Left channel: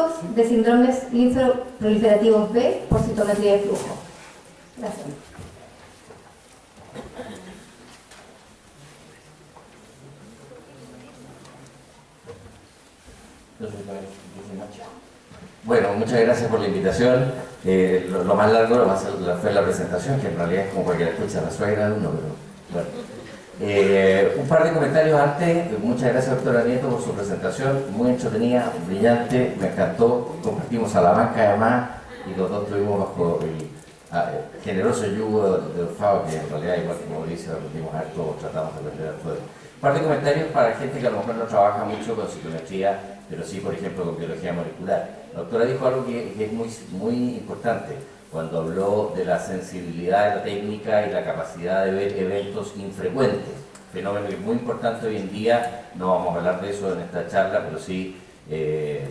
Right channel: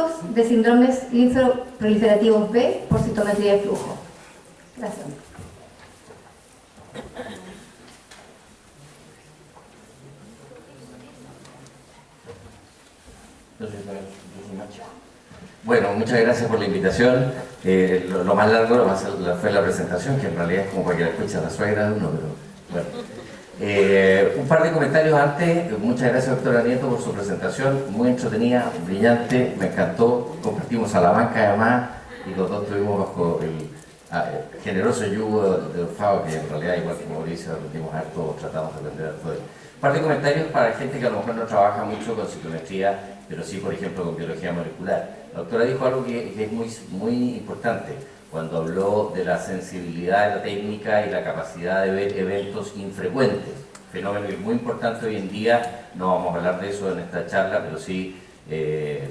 diagnósticos de síndromes linfoproliferativos B por citometría de flujo. Gracias. Bueno, muchas gracias por la invitación. Lo más largo fue la presentación, que en realidad es como para que la escucha la suegra de uno, pero bueno. Un par de comentarios antes. Muchas gracias, doctora Nieto, por su presentación, muy entretenida, brillante, me encantó. Compartimos a la banca además y los dos estuvimos bajo el generoso yugo de Fao, que en realidad, igual que Mauricio, aprendimos harto, tratamos de aprender harto de él. Un par de comentarios para gente que a lo mejor no trabaja mucho con citometría, pero sí, por ejemplo, con biología molecular. La doctora dijo algo que es muy importante cuando habló de la sensibilidad de la técnica y la capacidad de ver eventos infrecuentes. Fenómeno que es muy importante hoy en día. No vamos a hablar de eso en esta charla, pero sí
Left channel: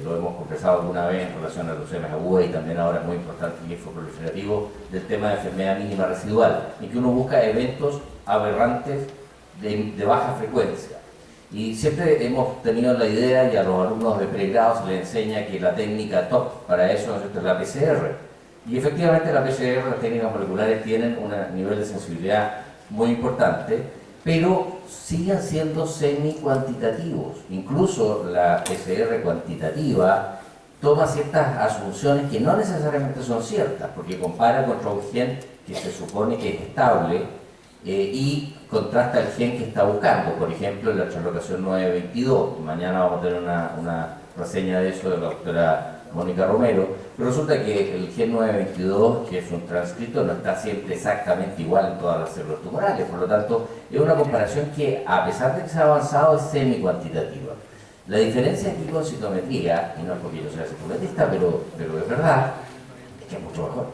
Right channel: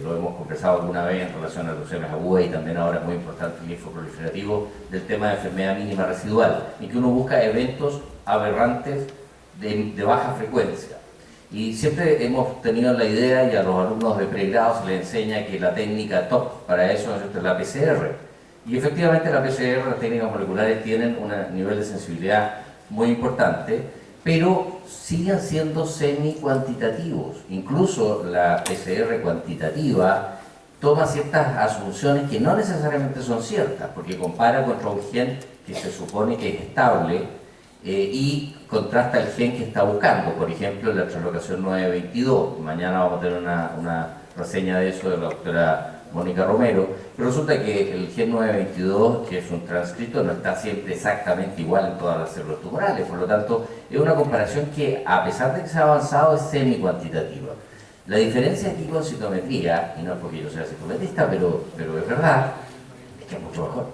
lo hemos conversado alguna vez en relación a leucemias agudas y también ahora es muy importante el linfoproliferativo del tema de enfermedad mínima residual, en que uno busca eventos aberrantes de baja frecuencia. Y siempre hemos tenido la idea, y a los alumnos de pregrado se les enseña que la técnica top para eso es la PCR. Y efectivamente la PCR, las técnicas moleculares, tienen un nivel de sensibilidad muy importante, pero siguen siendo semi-cuantitativos. Incluso la PCR cuantitativa toma ciertas asunciones que no necesariamente son ciertas, porque compara contra un gen que se supone que es estable, y contrasta el gen que está buscando, por ejemplo, la translocación 922. Mañana vamos a tener una reseña de eso de la doctora Mónica Romero, pero resulta que el gen 922, que es un transcrito, no está siempre exactamente igual en todas las células tumorales, por lo tanto, es una comparación que, a pesar de que se ha avanzado, es semi-cuantitativa. La diferencia aquí con citometría, y no es porque yo sea citometrista, pero es verdad, es que es mucho mejor,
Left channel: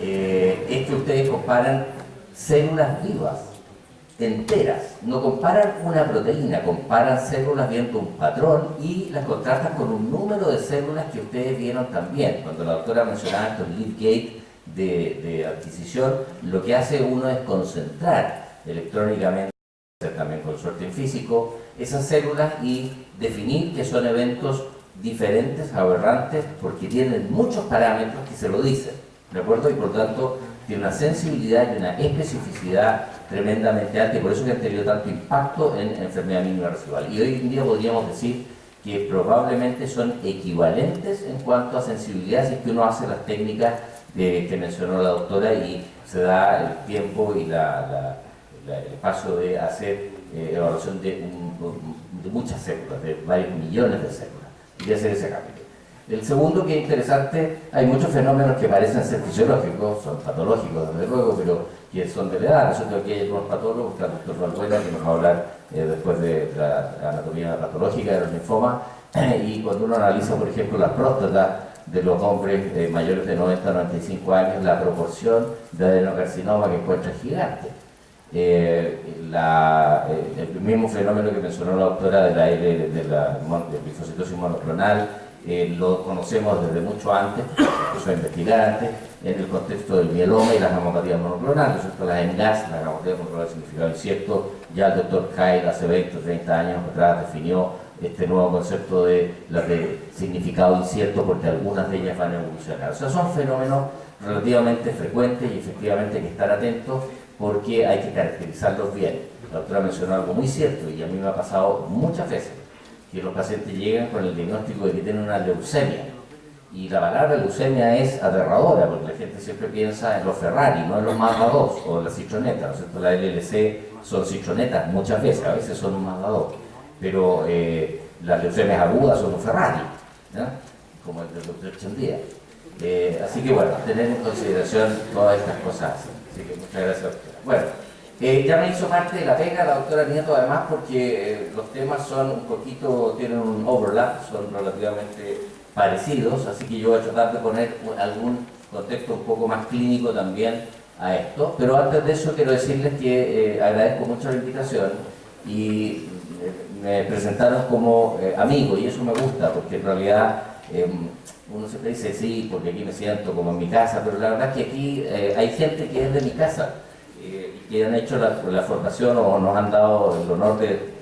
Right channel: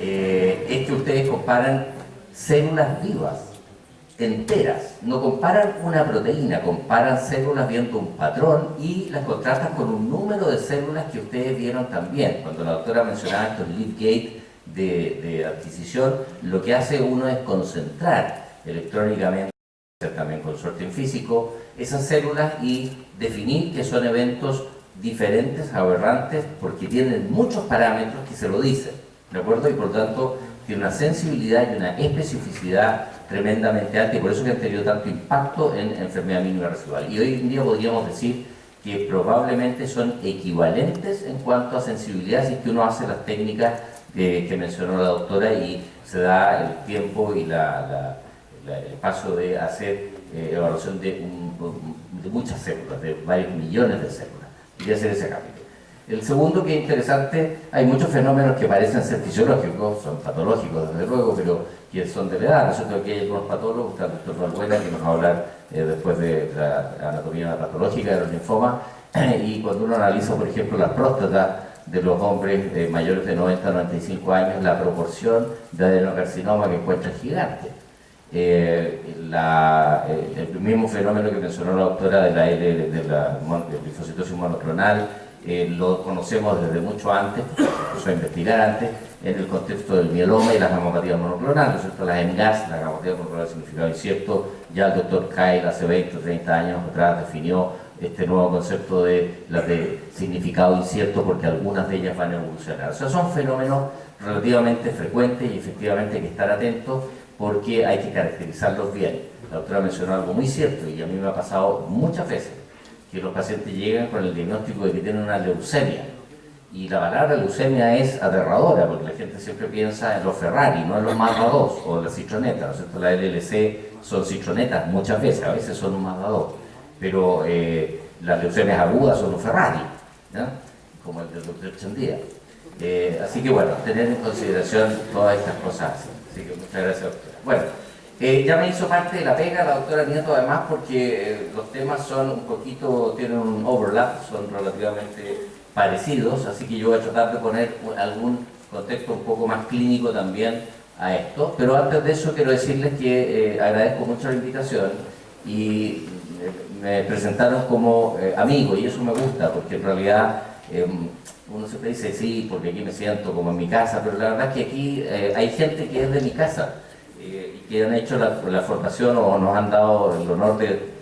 es que ustedes comparan células vivas, enteras, no comparan una proteína, comparan células viendo un patrón y las contrastan con un número de células que ustedes vieron también. Cuando la doctora mencionaba estos lead gate de adquisición, lo que hace uno es concentrar electrónicamente, también con suerte en físico, esas células y definir que son eventos diferentes, aberrantes, porque tienen muchos parámetros que se lo dicen, ¿de acuerdo? Y por lo tanto tiene una sensibilidad y una especificidad tremendamente alta, y por eso que han tenido tanto impacto en enfermedad mínima residual. Y hoy en día podríamos decir que probablemente son equivalentes en cuanto a sensibilidad, si es que uno hace las técnicas que mencionó la doctora y se da el tiempo y el paso de hacer evaluación de muchas células, de varios millones de células, y de hacer ese cambio. El segundo, que es interesante, hay muchos fenómenos que parecen ser fisiológicos, son patológicos desde luego, pero que son de la edad. Nosotros aquí hay algunos patólogos, está el doctor Valbuena, que nos va a hablar después de la anatomía patológica de los linfomas, y cuando uno analiza, por ejemplo, la próstata de los hombres mayores de 90 a 95 años, la proporción de adenocarcinoma que encuentra es gigante. El mismo fenómeno que mencionó la doctora de la linfocitosis monoclonal, lo conocemos desde mucho antes, empezó a investigar antes, en el contexto del mieloma y las gamopatías monoclonales, ¿cierto? Las ENGAS, las gamopatías monoclonales de significado incierto. Ya el doctor Kyle hace 20 o 30 años atrás definió este nuevo concepto de las de significado incierto, porque algunas de ellas van a evolucionar. O sea, son fenómenos relativamente frecuentes y efectivamente hay que estar atentos porque hay que caracterizarlos bien. La doctora mencionó algo muy cierto y a mí me ha pasado muchas veces, que los pacientes llegan con el diagnóstico de que tienen una leucemia. Y la palabra leucemia es aterradora, porque la gente siempre piensa en los Ferrari, no en los Mazda 2 o las citronetas, ¿no es cierto? La LLC son citronetas muchas veces, a veces son un Mazda 2, pero las leucemias agudas son un Ferrari, ¿no? Como el del doctor Chandía. Así que bueno, tener en consideración todas estas cosas. Así que muchas gracias, doctora. Bueno, ya me hizo parte de la pega la doctora Nieto, además, porque los temas son un poquito, tienen un overlap, son relativamente parecidos, así que yo voy a tratar de poner algún contexto un poco más clínico también a esto. Pero antes de eso quiero decirles que agradezco mucho la invitación y me presentaron como amigo, y eso me gusta, porque en realidad uno siempre dice sí, porque aquí me siento como en mi casa, pero la verdad es que aquí hay gente que es de mi casa, y que han hecho la formación o nos han dado el honor de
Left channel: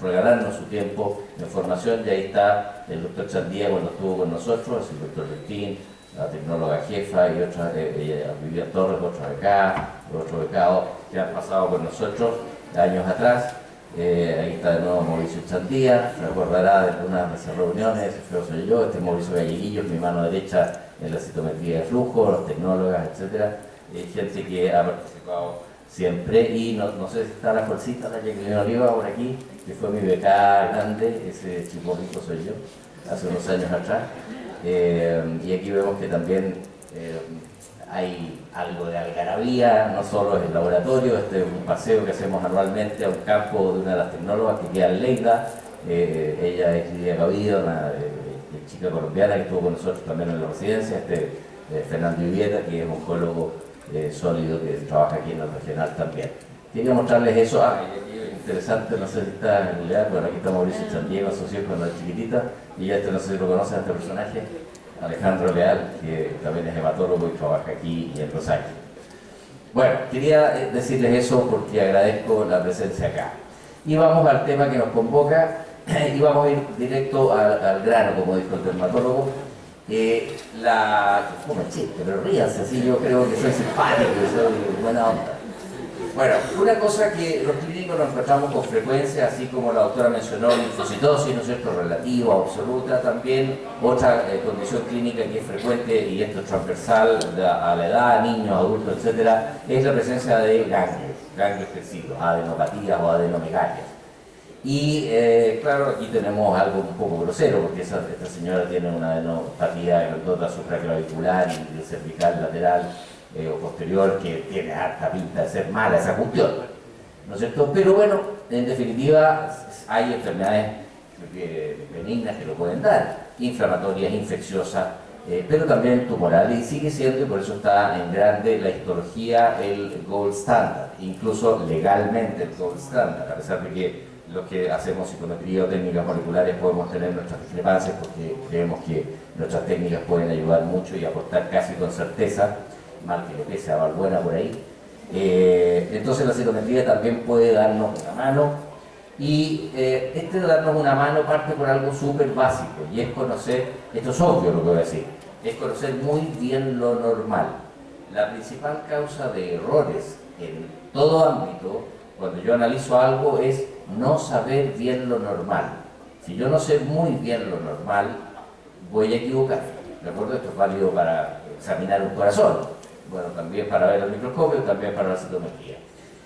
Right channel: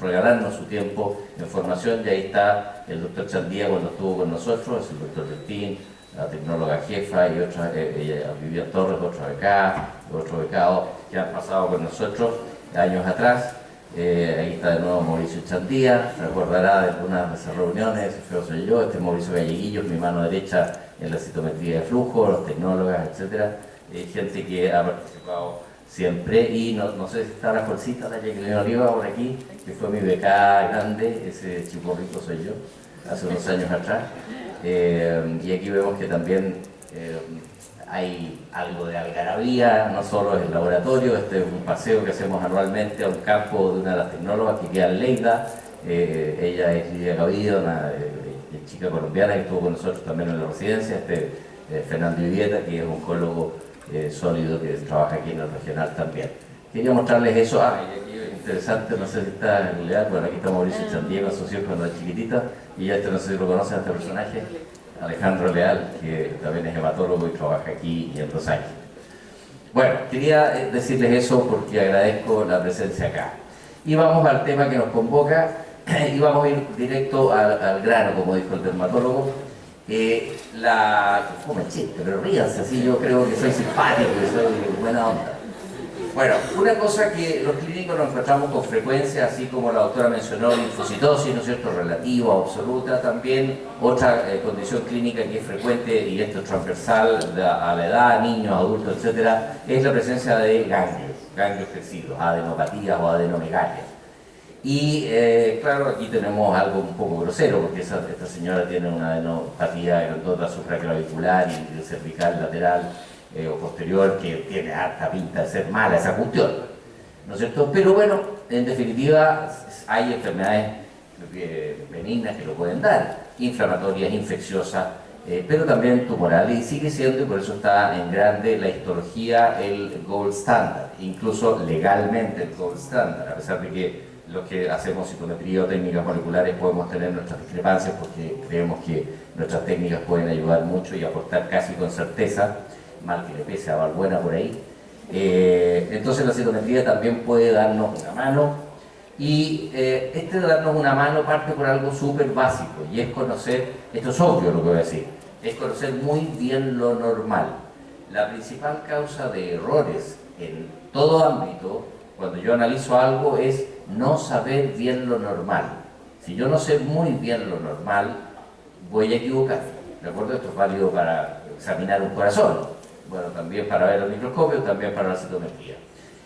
regalarnos su tiempo en formación, y ahí está el doctor Chandía cuando estuvo con nosotros, el doctor Bertín, la tecnóloga jefa y otra, Vivian Torres, otro becado que han pasado con nosotros años atrás. Ahí está de nuevo Mauricio Chandía, se recordará de algunas de esas reuniones, Feo soy yo, este es Mauricio Galleguillo, mi mano derecha en la citometría de flujo, los tecnólogas, etc. Gente que ha participado siempre, y no sé si está la bolsita de Jacqueline Oliva por aquí, que fue mi becada grande, ese chico soy yo, hace unos años atrás. Y aquí vemos que también hay algo de algarabía, no solo es el laboratorio, este es un paseo que hacemos anualmente a un campo de una de las tecnólogas que queda en Lleida. Ella es Lidia Gavido, una chica colombiana que estuvo con nosotros también en la residencia, Fernando Vivieta, que es oncólogo sólido que trabaja aquí en el regional también. Quería mostrarles eso. Y aquí interesante, no sé si está en realidad, bueno, aquí está Mauricio Chandía con sus hijos cuando es chiquitita, y ya no sé si lo conocen, este personaje, Alejandro Leal, que también es hematólogo y trabaja aquí y en Los Ángeles. Bueno, quería decirles eso porque agradezco la presencia acá. Y vamos al tema que nos convoca, y vamos a ir directo al grano, como dijo el dermatólogo. Pero ríanse, así yo creo que soy simpático, que soy buena onda. Bueno, una cosa que los clínicos nos encontramos con frecuencia, así como la doctora mencionó, linfocitosis, ¿no es cierto?, relativa o absoluta, también otra condición clínica que es frecuente, y esto es transversal a la edad, niños, adultos, etcétera, es la presencia de ganglios crecidos, adenopatías o adenomegalias. Y claro, aquí tenemos algo un poco grosero, porque esta señora tiene una adenopatía grandota supraclavicular y cervical lateral o posterior, que tiene harta pinta de ser mala esa cuestión, ¿no es cierto? Pero bueno, en definitiva hay enfermedades benignas que lo pueden dar, inflamatorias, infecciosas, pero también tumorales, y sigue siendo, y por eso está en grande, la histología el gold standard, incluso legalmente el gold standard, a pesar de que los que hacemos citometría o técnicas moleculares podemos tener nuestras discrepancias, porque creemos que nuestras técnicas pueden ayudar mucho y aportar casi con certeza, mal que le pese a Balbuena por ahí. Entonces la citometría también puede darnos una mano, y de darnos una mano parte por algo súper básico, y es conocer, esto es obvio lo que voy a decir, es conocer muy bien lo normal. La principal causa de errores en todo ámbito, cuando yo analizo algo, es no saber bien lo normal. Si yo no sé muy bien lo normal, voy a equivocarme. ¿De acuerdo? Esto es válido para examinar un corazón, bueno, también para ver el microscopio, también para la citometría.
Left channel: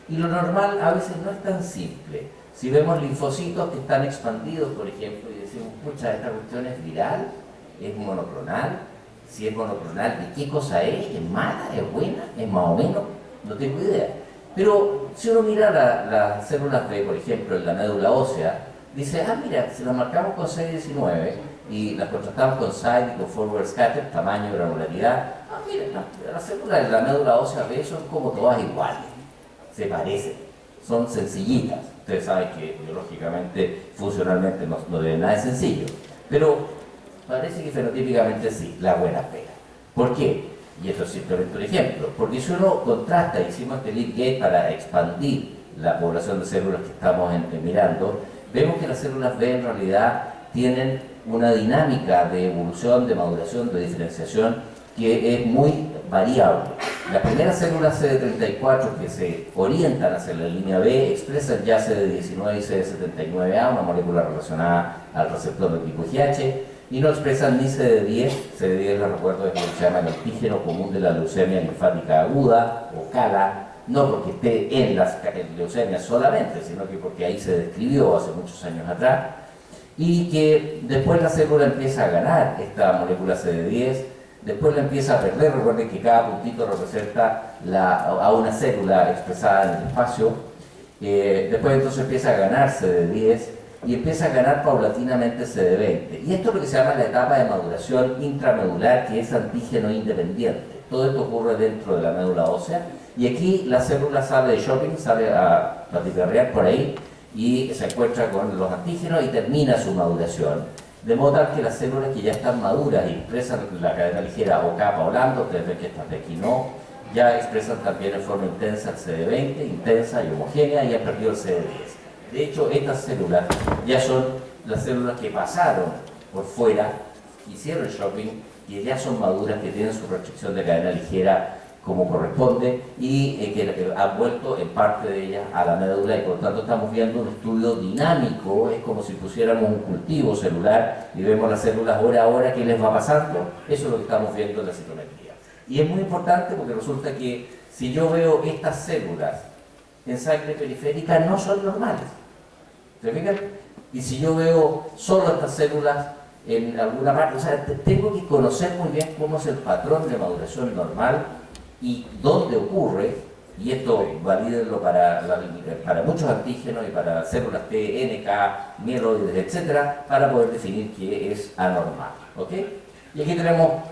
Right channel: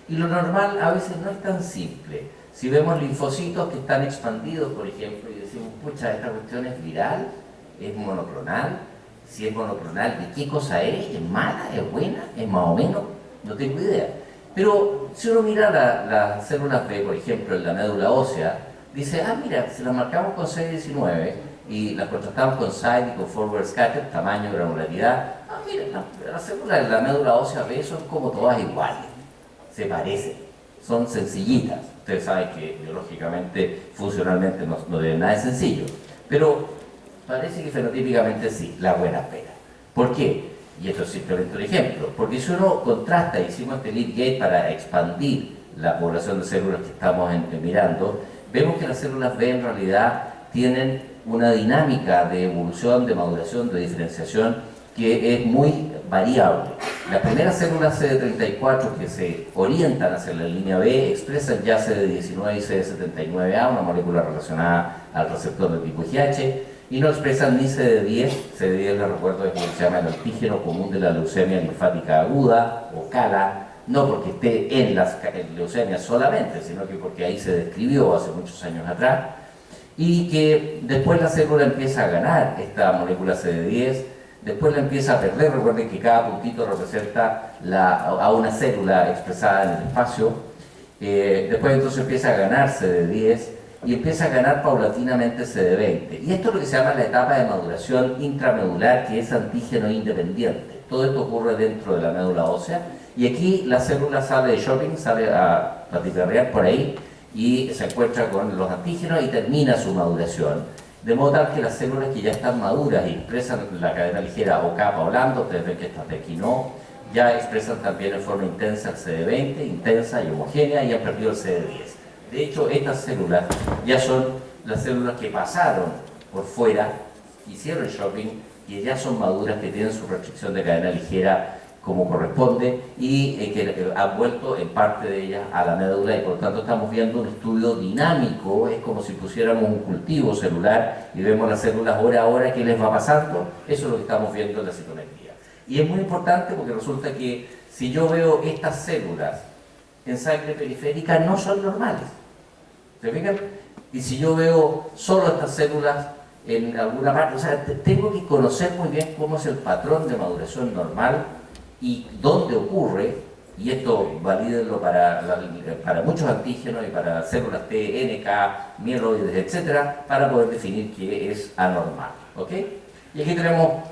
Y lo normal a veces no es tan simple. Si vemos linfocitos que están expandidos, por ejemplo, y decimos, pucha, esta cuestión es viral, es monoclonal. Si es monoclonal, ¿de qué cosa es? ¿Es mala? ¿Es buena? ¿Es más o menos? No tengo idea. Pero si uno mira las células B, por ejemplo, en la médula ósea, dice, mira, si las marcamos con CD19 y las contrastamos con SIDE y con forward scatter, tamaño, granularidad, mira, las células de la médula ósea B son como todas iguales, se parecen, son sencillitas. Ustedes saben que biológicamente, funcionalmente no debe nada de sencillo, pero parece que fenotípicamente sí, la buena pega. ¿Por qué? Y esto es simplemente un ejemplo, porque si uno contrasta, hicimos este lead gate para expandir la población de células que estamos mirando, vemos que las células B en realidad tienen una dinámica de evolución, de maduración, de diferenciación que es muy variable. Las primeras células CD34 que se orientan hacia la línea B expresan ya CD19 y CD79A, una molécula relacionada al receptor de tipo IgH, y no expresan ni CD10. CD10, les recuerdo, es lo que se llama el antígeno común de la leucemia linfática aguda, o CALA, no porque esté en las leucemias solamente, sino que porque ahí se describió hace muchos años atrás, y que después la célula empieza a ganar esta molécula CD10, después la empieza a perder. Recuerden que cada puntito representa a una célula expresada en el espacio. Después entonces empieza a ganar CD10 y empieza a ganar paulatinamente CD20. Y esto es lo que se llama la etapa de maduración intramedular, que es antígeno independiente. Todo esto ocurre dentro de la médula ósea, y aquí la célula sale de shopping, sale a patiperrear por ahí, y se encuentra con los antígenos y termina su maduración. De modo tal que las células que ya están maduras y expresan la cadena ligera o capa o lambda, ustedes ven que estas de aquí no, ya expresan también en forma intensa el CD20, intensa y homogénea, y han perdido el CD10. De hecho, estas células ya son las células que pasaron por fuera, hicieron shopping, que ya son maduras, que tienen su restricción de cadena ligera como corresponde y que han vuelto en parte de ellas a la médula y por lo tanto estamos viendo un estudio dinámico, es como si pusiéramos un cultivo celular y vemos las células hora a hora qué les va pasando, eso es lo que estamos viendo en la citometría. Y es muy importante porque resulta que si yo veo estas células en sangre periférica no son normales, ¿se fijan? Y si yo veo solo estas células en alguna parte, o sea, tengo que conocer muy bien cómo es el patrón de maduración normal y dónde ocurre, y esto valídenlo para muchos antígenos y para células T, NK, mieloides, etcétera, para poder definir qué es anormal, ¿ok? Y aquí tenemos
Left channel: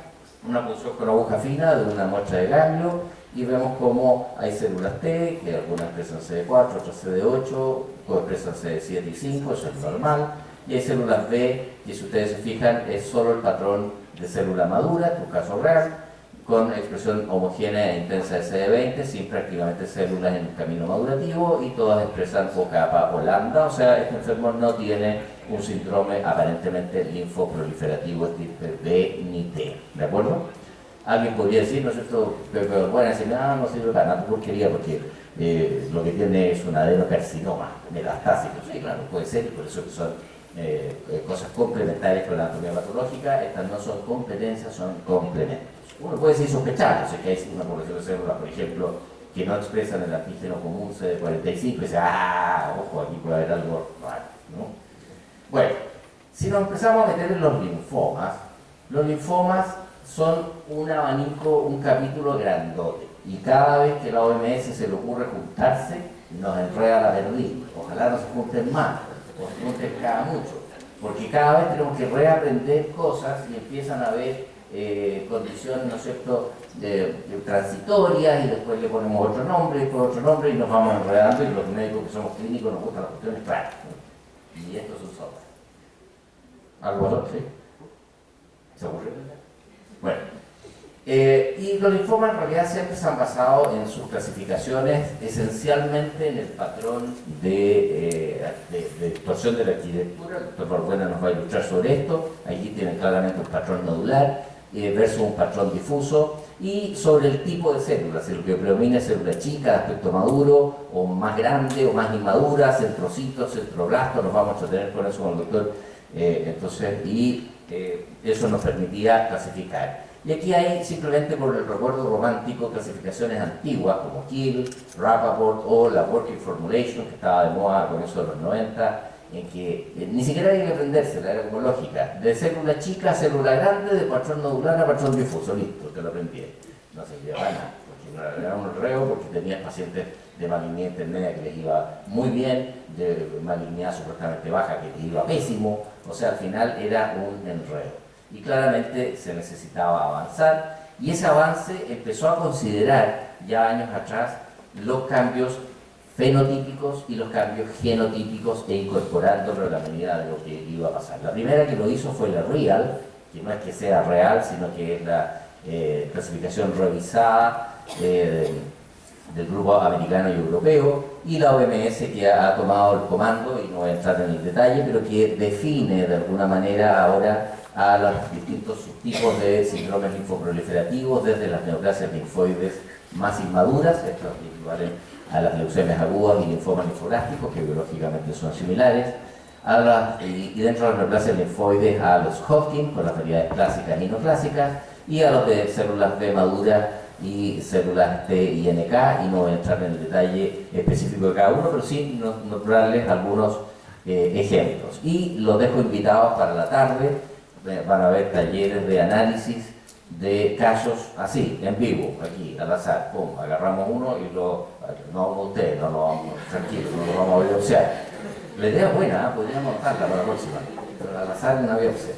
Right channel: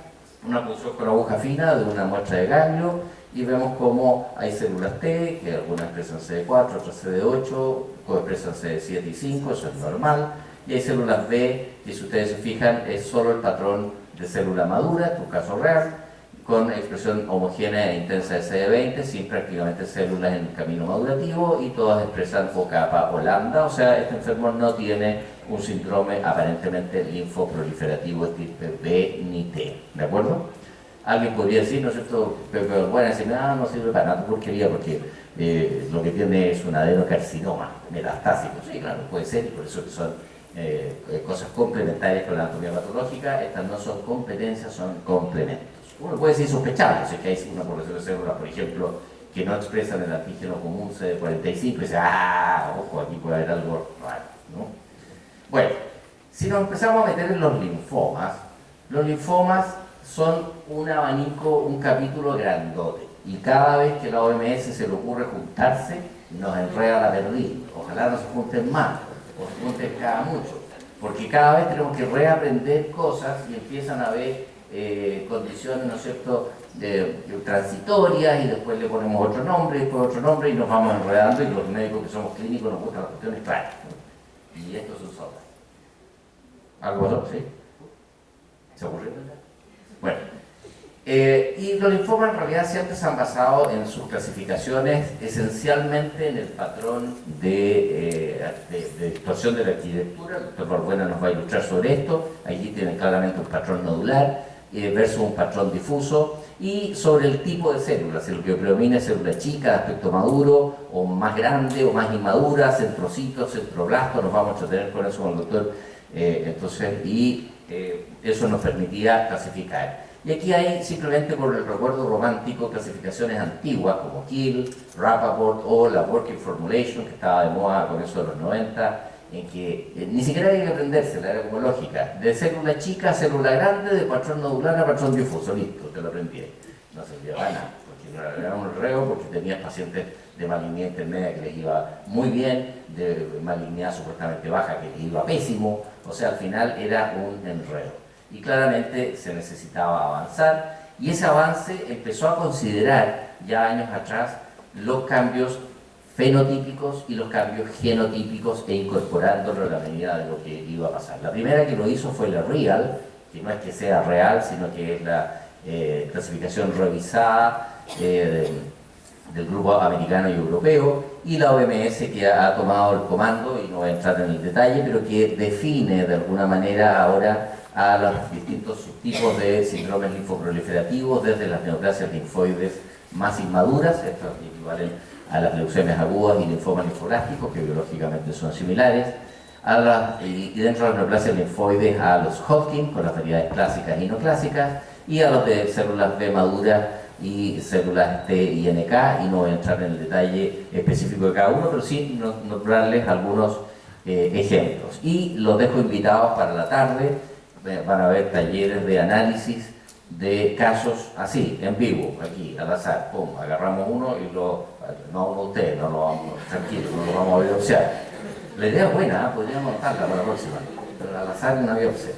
una punción con aguja fina de una muestra de ganglio y vemos cómo hay células T, que algunas expresan CD4, otras CD8, coexpresan CD7 y 5, eso es normal, y hay células B, que si ustedes se fijan es solo el patrón de célula madura, en tu caso real, con expresión homogénea e intensa de CD20, sin prácticamente células en el camino madurativo y todas expresan o kappa o lambda, o sea, este enfermo no tiene un síndrome aparentemente linfoproliferativo de tipo B ni T, ¿de acuerdo? Alguien podría decir, ¿no es cierto? Pero bueno, decir, no sirve para nada porquería porque lo que tiene es un adenocarcinoma metastásico. Sí, claro, puede ser, y por eso que son cosas complementarias con la anatomía patológica. Estas no son competencias, son complementos. Uno puede decir sospechado, si hay una población de células, por ejemplo, que no expresan el antígeno común CD45 y dice, ojo, aquí puede haber algo raro, ¿no? Bueno, si nos empezamos a meter en los linfomas son un abanico, un capítulo grandote, y cada vez que la OMS se le ocurre juntarse, nos enreda la perdiz. Ojalá no se junten más, o se junten cada mucho, porque cada vez tenemos que reaprender cosas y empiezan a haber condiciones, ¿no es cierto?, transitorias, y después le ponemos otro nombre, y después otro nombre, y nos vamos enredando, y los médicos que somos clínicos nos gustan las cuestiones claras, ¿no? Y esto es un software. ¿Algo otro? ¿Sí? ¿Se ocurrió? Bueno, y los linfomas en realidad siempre se han basado en sus clasificaciones esencialmente en el patrón de actuación de la arquitectura. El doctor Balbuena nos va a ilustrar sobre esto. Allí tienen claramente un patrón nodular versus un patrón difuso, y sobre el tipo de células, el que predomina es célula chica, de aspecto maduro, o más grande, o más inmadura, centrocitos, centroblastos, nos vamos a entretener con eso con el doctor, eso nos permitía clasificar. Y aquí hay, simplemente por el recuerdo romántico, clasificaciones antiguas como Kiel, Rappaport o la Working Formulation, que estaba de moda con eso de los 90, en que ni siquiera había que aprendérsela, era como lógica, de célula chica a célula grande, de patrón nodular a patrón difuso, listo, te lo aprendí. No se llevaba nada, porque era un reo, porque tenías pacientes de malignidad intermedia que les iba muy bien, de malignidad supuestamente baja que les iba pésimo, o sea, al final era un enredo. Y claramente se necesitaba avanzar, y ese avance empezó a considerar ya años atrás los cambios fenotípicos y los cambios genotípicos e incorporándolo a la medida de lo que iba a pasar. La primera que lo hizo fue la REAL, que no es que sea real, sino que es la clasificación revisada del grupo americano y europeo, y la OMS, que ha tomado el comando, y no voy a entrar en el detalle, pero que define de alguna manera ahora a los distintos subtipos de síndromes linfoproliferativos, desde las neoplasias linfoides más inmaduras, estas equivalen a las leucemias agudas y linfomas linfoblásticos, que biológicamente son similares, y dentro de las neoplasias linfoides a los Hodgkin, con las variedades clásicas y no clásicas, y a los de células B maduras y células T y NK, y no voy a entrar en el detalle específico de cada uno, pero sí nombrarles algunos ejemplos. Y los dejo invitados para la tarde. Van a haber talleres de análisis de casos así, en vivo, aquí, al azar, pum, agarramos uno y no ustedes, no lo vamos, tranquilo, no lo vamos a biopsiar. La idea es buena, podríamos montarla para la próxima, pero al azar una biopsia.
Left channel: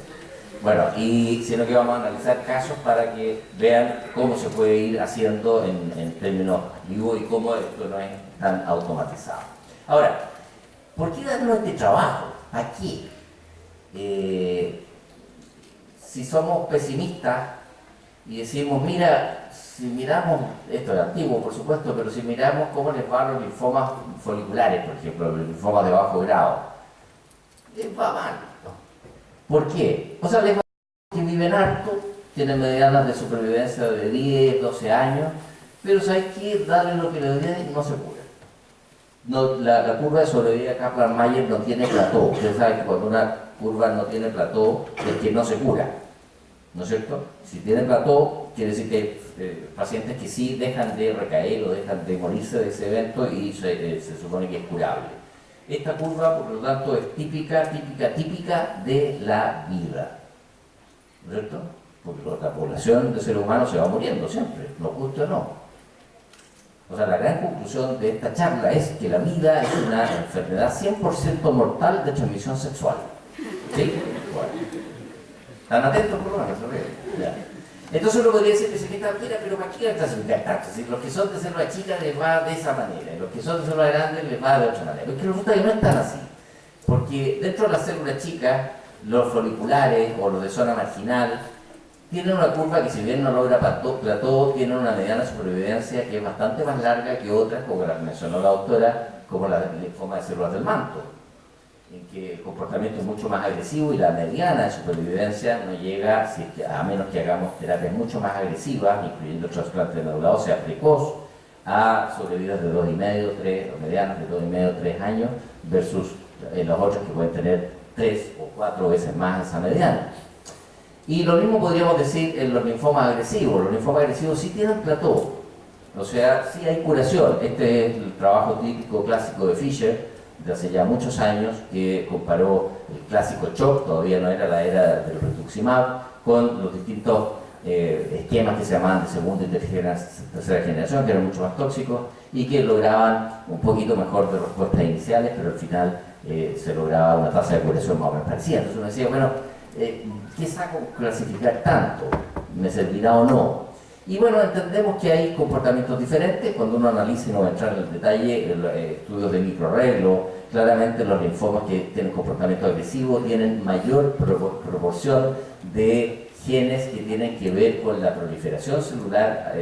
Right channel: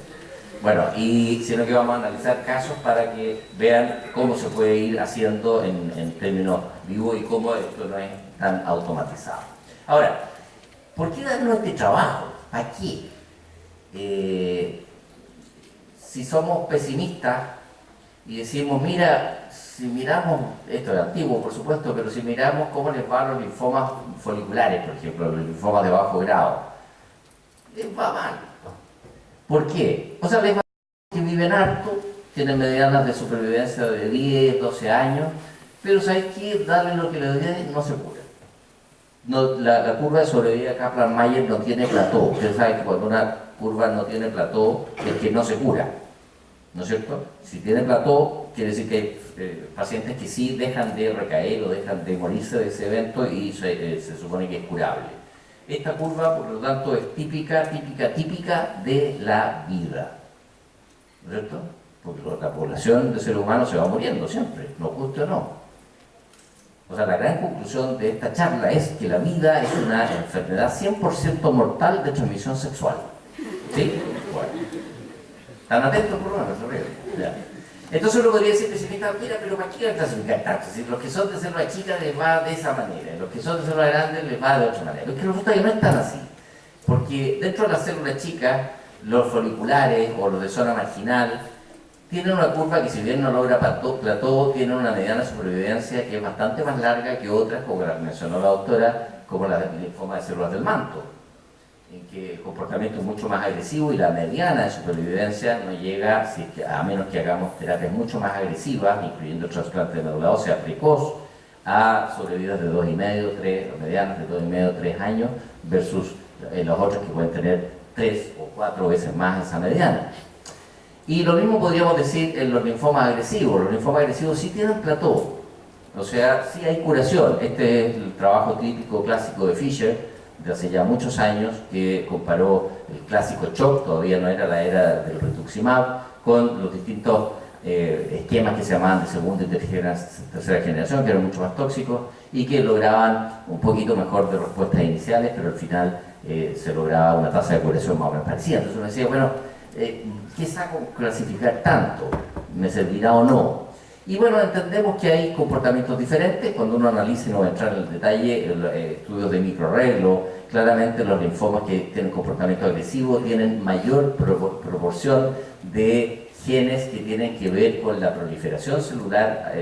Bueno, y sino que vamos a analizar casos para que vean cómo se puede ir haciendo en términos vivos y cómo esto no es tan automatizado. Ahora, ¿por qué darnos este trabajo? Aquí. Si somos pesimistas y decimos, mira, si miramos, esto es antiguo por supuesto, pero si miramos cómo les va a los linfomas foliculares, por ejemplo, los linfomas de bajo grado, les va mal. ¿Por qué? O sea, les va que viven harto, tienen medianas de supervivencia de 10, 12 años, pero ¿sabes qué? Darle lo que le den no se cura. No, la curva de sobrevida Kaplan-Meier no tiene plató. Ustedes saben que cuando una curva no tiene plató es que no se cura, ¿no es cierto? Si tiene plató, quiere decir que hay pacientes que sí dejan de recaer o dejan de morirse de ese evento y se supone que es curable. Esta curva, por lo tanto, es típica de la vida, ¿no es cierto? Porque la población de seres humanos se va muriendo siempre, nos guste o no. O sea, la gran conclusión de esta charla es que la vida es una enfermedad 100% mortal de transmisión sexual. ¿Sí? Bueno. ¿Están atentos por lo menos? Ya. Entonces uno podría decir, mira, pero ¿para qué clasificar tanto? Si los que son de célula chica les va de esa manera, y los que son de célula grande les va de otra manera. Pero es que resulta que no es tan así. Porque dentro de las células chicas, los foliculares o los de zona marginal tienen una curva que, si bien no logra plató, tiene una mediana supervivencia que es bastante más larga que otras, como la mencionó la doctora, como la linfoma de células del manto, en que el comportamiento es mucho más agresivo y la mediana de supervivencia no llega, a menos que hagamos terapias mucho más agresivas, incluyendo trasplante de médula ósea precoz, a sobrevidas de 2,5, 3, o medianas de 2,5, 3 años, versus los otros que pueden tener 3 o 4 veces más esa mediana. Y lo mismo podríamos decir en los linfomas agresivos. Los linfomas agresivos sí tienen plató, o sea, sí hay curación. Este es el trabajo típico clásico de Fischer, de hace ya muchos años, que comparó el clásico CHOP, todavía no era la era del rituximab, con los distintos esquemas que se llamaban de segunda y tercera generación, que eran mucho más tóxicos y que lograban un poquito mejor de respuestas iniciales, pero al final se lograba una tasa de curación más o menos parecida. Entonces uno decía, bueno, ¿qué saco clasificar tanto? ¿Me servirá o no? Y bueno, entendemos que hay comportamientos diferentes. Cuando uno analiza, y no va a entrar en el detalle, estudios de microarreglo, claramente los linfomas que tienen comportamiento agresivo tienen mayor proporción de genes que tienen que ver con la proliferación celular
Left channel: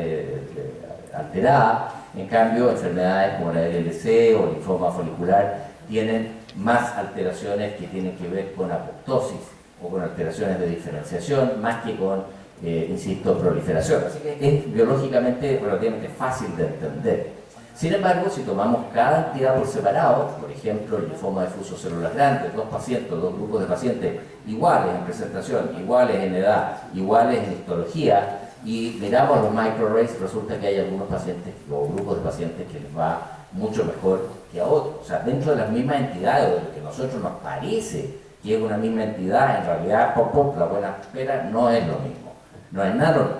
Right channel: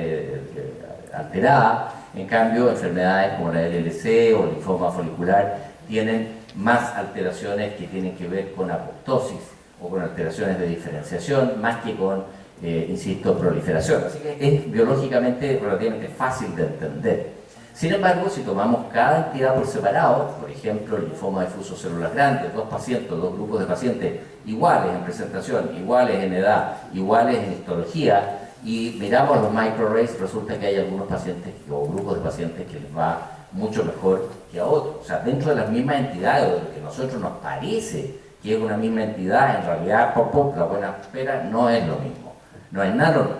alterada. En cambio, enfermedades como la LLC o linfoma folicular tienen más alteraciones que tienen que ver con apoptosis o con alteraciones de diferenciación, más que con, insisto, proliferación. Así que es biológicamente relativamente fácil de entender. Sin embargo, si tomamos cada entidad por separado, por ejemplo, el linfoma difuso células grandes, dos grupos de pacientes iguales en presentación, iguales en edad, iguales en histología, y miramos los microarrays, resulta que hay algunos pacientes o grupos de pacientes que les va mucho mejor que a otros. O sea, dentro de las mismas entidades, o de lo que a nosotros nos parece que es una misma entidad, en realidad, la buena espera no es lo mismo, no es nada lo mismo.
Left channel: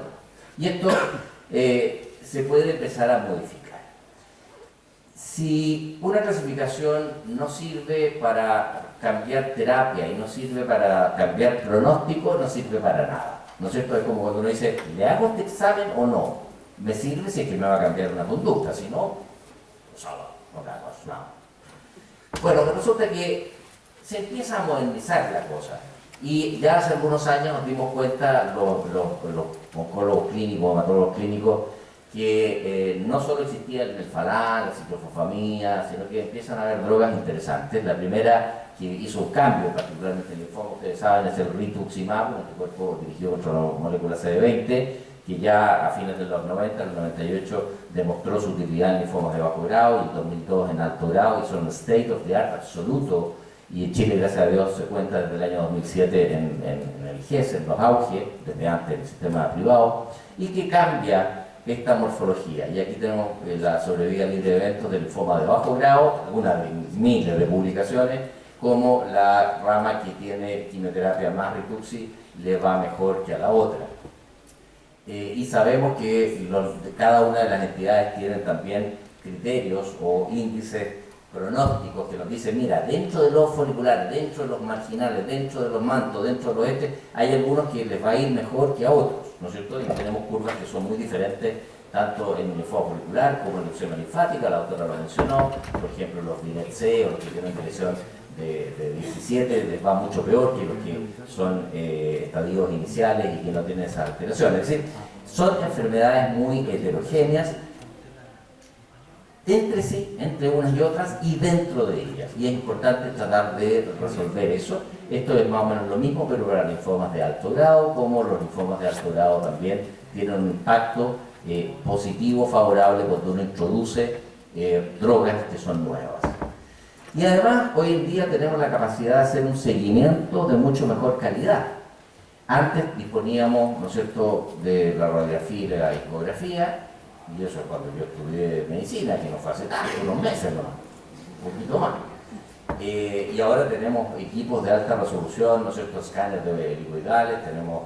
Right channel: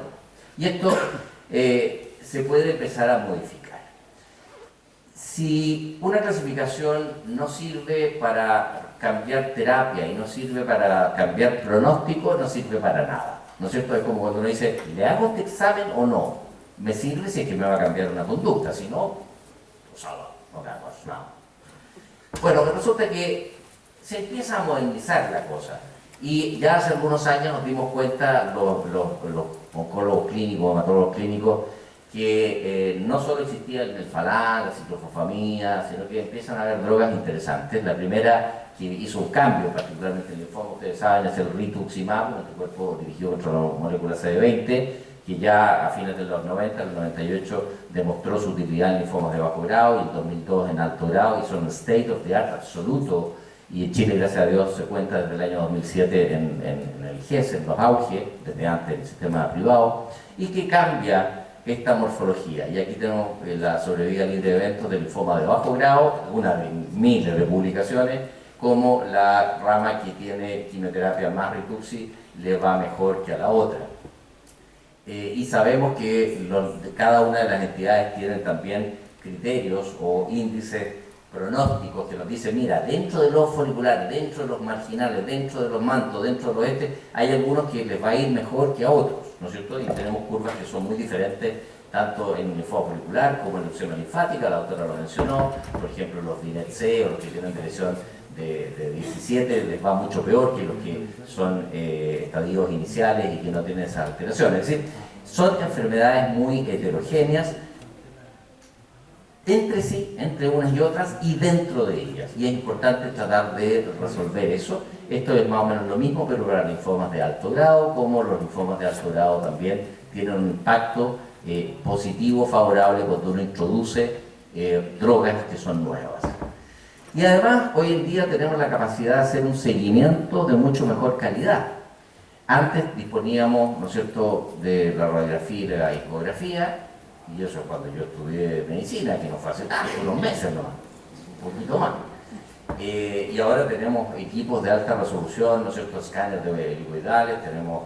Y esto se puede empezar a modificar. Si una clasificación no sirve para cambiar terapia y no sirve para cambiar pronóstico, no sirve para nada. ¿No es cierto? Es como cuando uno dice, ¿le hago este examen o no? Me sirve si es que me va a cambiar una conducta, si no, pues no te hago nada. Bueno, resulta que se empieza a modernizar la cosa. Y ya hace algunos años nos dimos cuenta, los oncólogos clínicos, hematólogos clínicos, que no solo existía el Melphalan, la ciclofosfamina, sino que empiezan a haber drogas interesantes. La primera que hizo un cambio, particularmente en el linfoma, ustedes saben, es el rituximab, un anticuerpo dirigido contra la molécula CD20, que ya a fines de los 90, el 98, demostró su utilidad en linfomas de bajo grado y en 2002 en alto grado, y son state of the art absoluto. Y en Chile, gracias a Dios, se cuenta desde el año 2007 en el GES, en los auge, desde antes en el sistema privado, y que cambia esta morfología. Y aquí tenemos la sobrevida libre de eventos del linfoma de bajo grado, una de miles de publicaciones, como la rama que tiene quimioterapia más rituxi le va mejor que a la otra. Y sabemos que cada una de las entidades tienen también criterios o índices pronósticos que nos dicen, mira, dentro de los foliculares, dentro de los marginales, dentro de los mantos, dentro de los hay algunos que les va a ir mejor que a otros, ¿no es cierto? Y tenemos curvas que son muy diferentes, tanto en el linfoma folicular como en la leucemia linfática, la doctora lo mencionó, por ejemplo, los DINET-C o los que tienen dirección de 17 les va mucho peor que los que son estadios iniciales y que no tienen esa alteración. Es decir, son enfermedades muy heterogéneas entre sí, entre unas y otras y dentro de ellas. Y es importante tratar de resolver eso Esto es más o menos lo mismo, pero para linfomas de alto grado, como los linfomas de alto grado también tienen un impacto positivo, favorable cuando uno introduce drogas que son nuevas. Y además, hoy en día tenemos la capacidad de hacer un seguimiento de mucho mejor calidad. Antes disponíamos, ¿no es cierto?, de la radiografía y la ecografía, y eso cuando yo estudié medicina, que no fue hace tanto, unos meses nomás, un poquito más. Y ahora tenemos equipos de alta resolución, ¿no es cierto?, escáneres de helicoidales, tenemos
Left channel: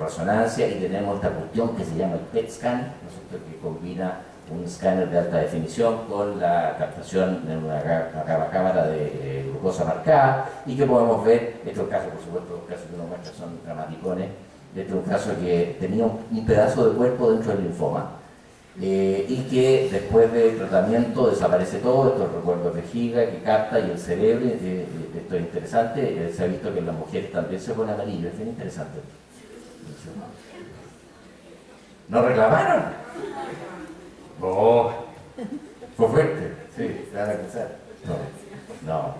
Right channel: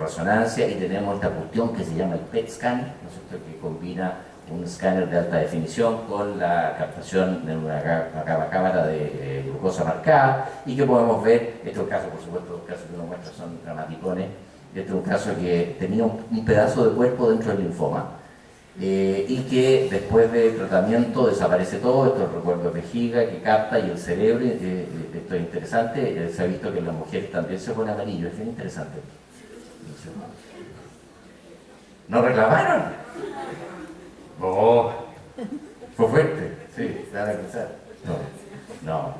resonancia y tenemos esta cuestión que se llama el PET scan, ¿no es cierto?, que combina un escáner de alta definición con la captación de una cámara de glucosa marcada y que podemos ver, estos casos, por supuesto, los casos que uno muestra son dramaticones. Este es un caso que tenía un pedazo de cuerpo dentro del linfoma y que después de tratamiento desaparece todo. Esto es el recuerdo de vejiga que capta y el cerebro, esto es interesante, se ha visto que en las mujeres también se pone amarillo, es bien interesante. ¿No reclamaron? Oh, fue fuerte, sí, se van a pensar. No,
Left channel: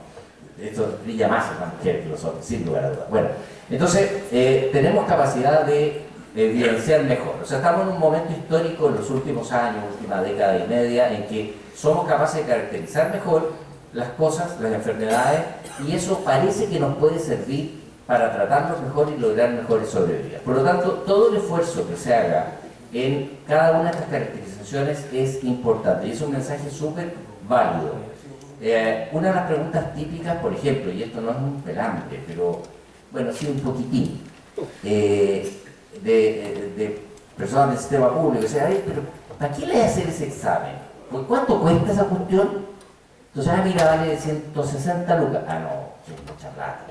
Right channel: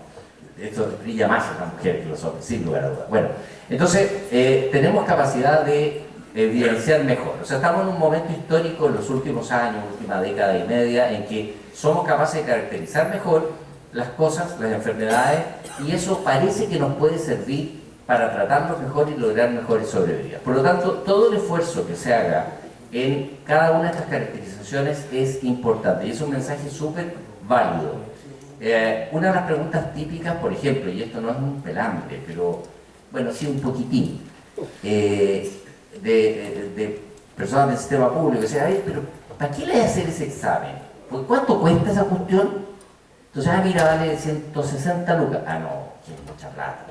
esto brilla más en las mujeres que los hombres, sin lugar a dudas. Bueno, entonces tenemos capacidad de evidenciar mejor. O sea, estamos en un momento histórico en los últimos años, última década y media, en que somos capaces de caracterizar mejor las cosas, las enfermedades, y eso parece que nos puede servir para tratarlos mejor y lograr mejores sobrevividas. Por lo tanto, todo el esfuerzo que se haga en cada una de estas caracterizaciones es importante y es un mensaje súper válido. Una de las preguntas típicas, por ejemplo, y esto no es un pelambre, pero bueno, sí un poquitín, de personas del sistema público, que dicen, pero ¿para qué le hay que hacer ese examen? ¿Por cuánto cuesta esa cuestión? Entonces, mira, vale 160 lucas. No, es mucha plata.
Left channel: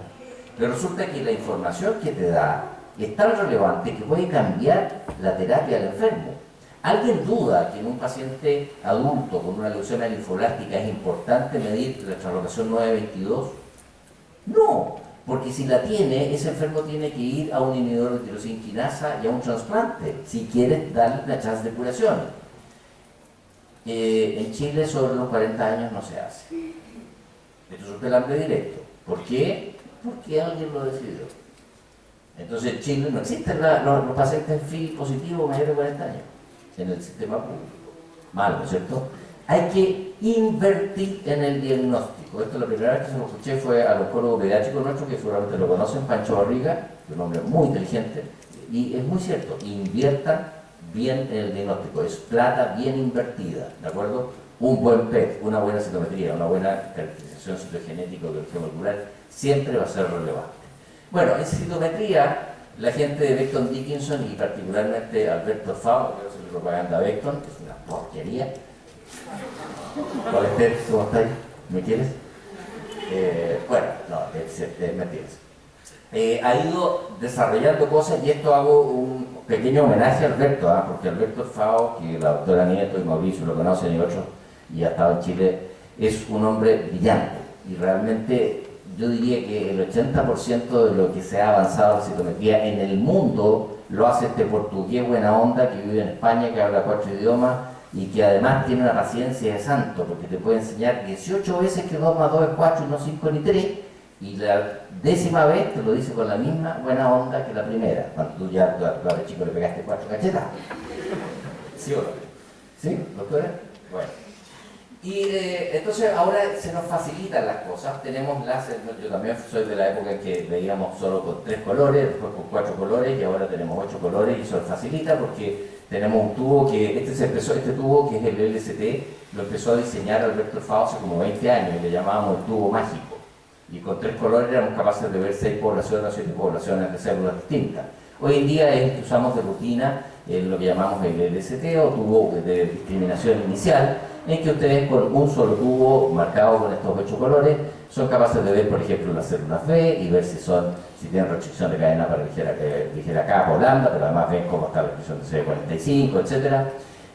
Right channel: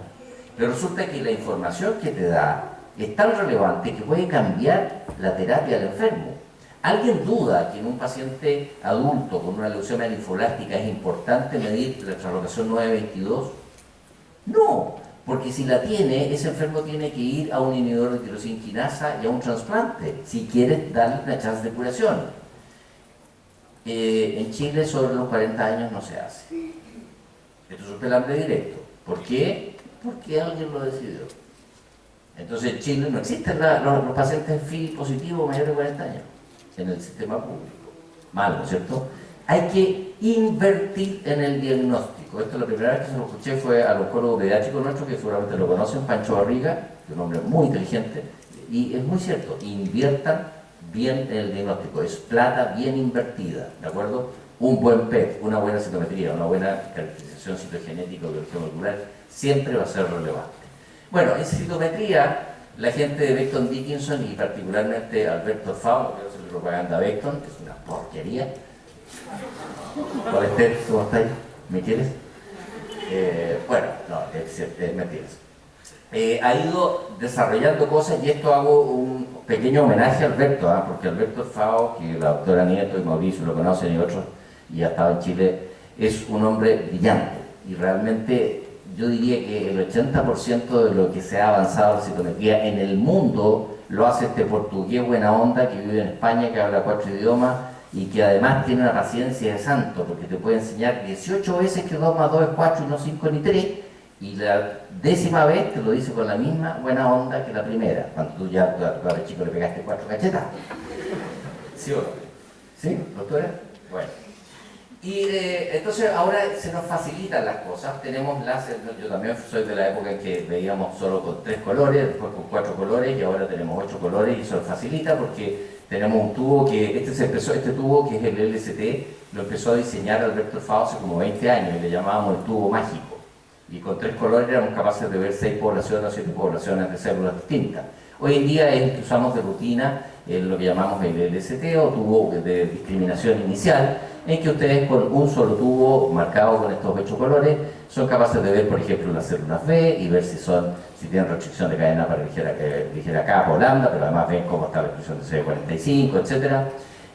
Pero resulta que la información que te da es tan relevante que puede cambiar la terapia del enfermo. ¿Alguien duda que en un paciente adulto con una leucemia linfoblástica es importante medir la translocación 922? No, porque si la tiene, ese enfermo tiene que ir a un inhibidor de tirosina quinasa y a un trasplante, si quieres darle una chance de curación. En Chile sobre los 40 años no se hace. Esto es un pelambre directo. ¿Por qué? Porque alguien lo decidió. Entonces en Chile no existen los pacientes FI positivos mayores de 40 años en el sistema público. Mal, ¿no es cierto? Hay que invertir en el diagnóstico. Esto la primera vez que se lo escuché fue al oncólogo pediátrico nuestro, que seguramente lo conocen, Pancho Barriga, que es un hombre muy inteligente, y es muy cierto, inviertan bien en el diagnóstico, es plata bien invertida, ¿de acuerdo? Un buen PET, una buena citometría, una buena caracterización citogenética o biología molecular siempre va a ser relevante. Bueno, en citometría, la gente de Becton Dickinson y particularmente Alberto Fao, que hace propaganda a Becton, que es una porquería. Hola Esther, ¿cómo estáis? ¿Me quieres? Bueno, no, es mentiras. Ha ido desarrollando cosas y esto hago un pequeño homenaje a Alberto, porque Alberto Fao, que la doctora Nieto y Mauricio lo conocen y otros, y ha estado en Chile, es un hombre brillante y realmente yo diría que el 80% de lo que se ha avanzado en la citometría en el mundo lo hace este portugués buena onda que vive en España, que habla 4 idiomas y que además tiene una paciencia de santo, porque te puede enseñar 18 veces que 2 más 2 es 4 y no 5 ni 3, y la 10ª vez te lo dice con la misma buena onda que la primera, cuando tú ya al chico le pegaste 4 cachetas. ¿Sí o no? ¿Sí, doctora? Bueno. Y entonces ahora se nos facilitan las cosas, tenemos láser, yo también soy de la época en que veíamos solo con 3 colores, después con 4 colores y ahora tenemos 8 colores y eso nos facilita porque tenemos un tubo que, este tubo que es el LCT, lo empezó a diseñar Alberto Fao hace como 20 años y le llamábamos el tubo mágico. Y con 3 colores éramos capaces de ver 6 poblaciones o 7 poblaciones de células distintas. Hoy en día es el que usamos de rutina, lo que llamamos el LCT o tubo de discriminación inicial, en que ustedes con un solo tubo marcado con estos 8 colores son capaces de ver, por ejemplo, las células B y ver si tienen restricción de cadena para ligera capa o lambda, pero además ven cómo está la expresión de CD45, etc.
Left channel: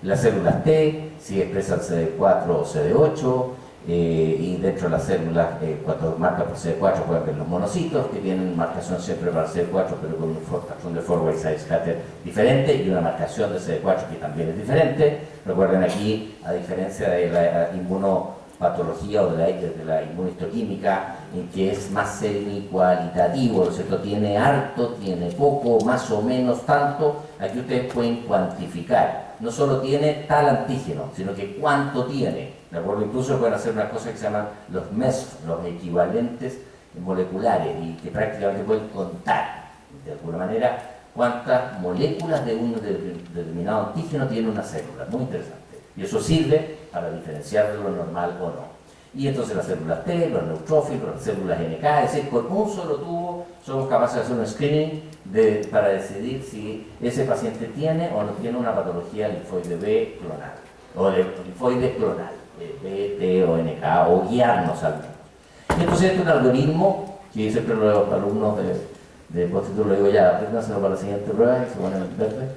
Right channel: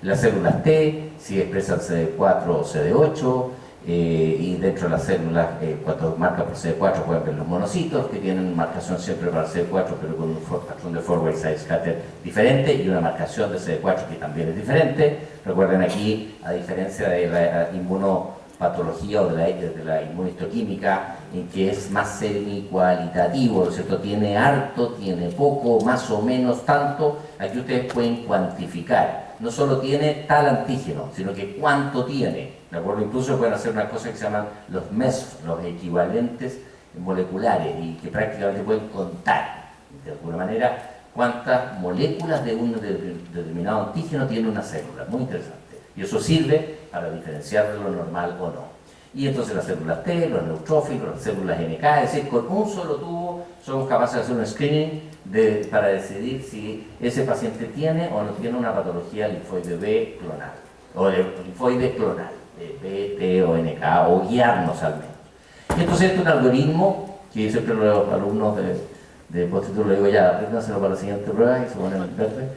Las células T, si expresan CD4 o CD8, y dentro de las células, cuando marcan por CD4 pueden ver los monocitos que tienen marcación siempre para CD4 pero con un patrón de forward side scatter diferente y una marcación de CD4 que también es diferente. Recuerden aquí, a diferencia de la inmunopatología o de la inmunistoquímica, en que es más semi-cualitativo, ¿no es cierto? Tiene harto, tiene poco, más o menos tanto. Aquí ustedes pueden cuantificar. No solo tiene tal antígeno, sino que cuánto tiene, ¿de acuerdo? Incluso pueden hacer una cosa que se llaman los MESF, los equivalentes moleculares, y que prácticamente pueden contar, de alguna manera, cuántas moléculas de un determinado antígeno tiene una célula. Muy interesante. Y eso sirve para diferenciar de lo normal o no. Y entonces las células T, los neutrófilos, las células NK, es decir, con un solo tubo somos capaces de hacer un screening para decidir si ese paciente tiene o no tiene una patología linfoide B clonal, o de linfoide clonal, B, T o NK, o guiarnos al menos. Y entonces este es un algoritmo que siempre los alumnos de postítulo le digo ya, apréndanselo para la siguiente prueba y se ponen a verde.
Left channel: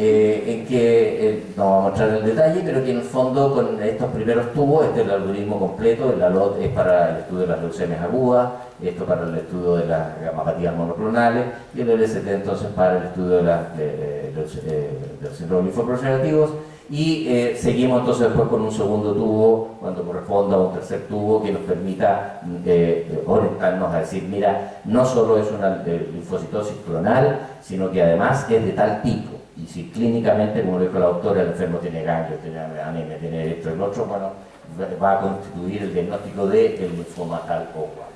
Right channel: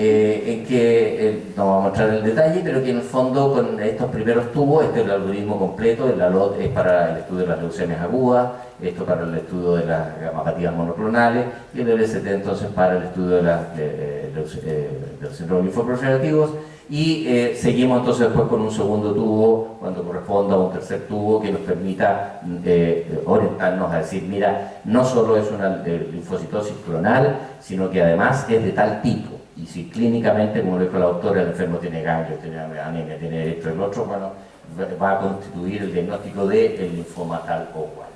En que no vamos a mostrar el detalle, pero que en el fondo con estos primeros tubos, este es el algoritmo completo, el ALOT es para el estudio de las leucemias agudas, esto para el estudio de las gamapatías monoclonales, y el LST entonces para el estudio de los síndromes linfoproliferativos, y seguimos entonces después con un segundo tubo, cuando corresponda a un tercer tubo que nos permita orientarnos a decir, mira, no solo es una linfocitosis clonal, sino que además es de tal tipo. Y si clínicamente, como lo dijo la doctora, el enfermo tiene ganglios, tiene anemia, tiene esto y lo otro, bueno, va a constituir el diagnóstico del linfoma tal o cual.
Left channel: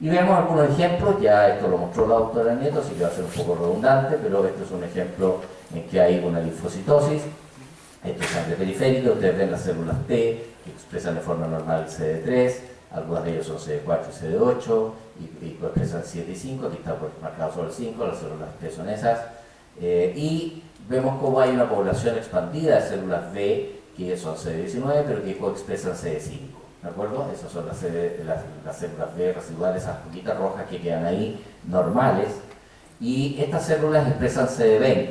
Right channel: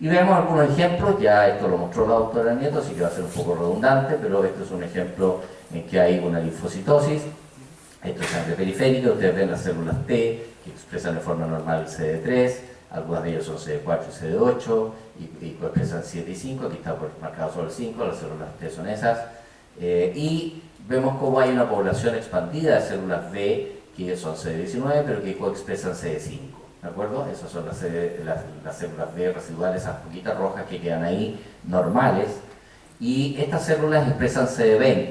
Y vemos algunos ejemplos, ya esto lo mostró la doctora Nieto, así que va a ser un poco redundante, pero esto es un ejemplo en que hay una linfocitosis. Esto es sangre periférica, ustedes ven las células T que expresan de forma normal el CD3, algunas de ellas son CD4 y CD8, y expresan 7 y 5, aquí está marcado solo el 5, las células T son esas. Y vemos cómo hay una población expandida de células B que son CD19 pero que coexpresan CD5, ¿de acuerdo? Esas son las células B residuales, esas poquitas rojas que quedan ahí normales, y estas células expresan CD20.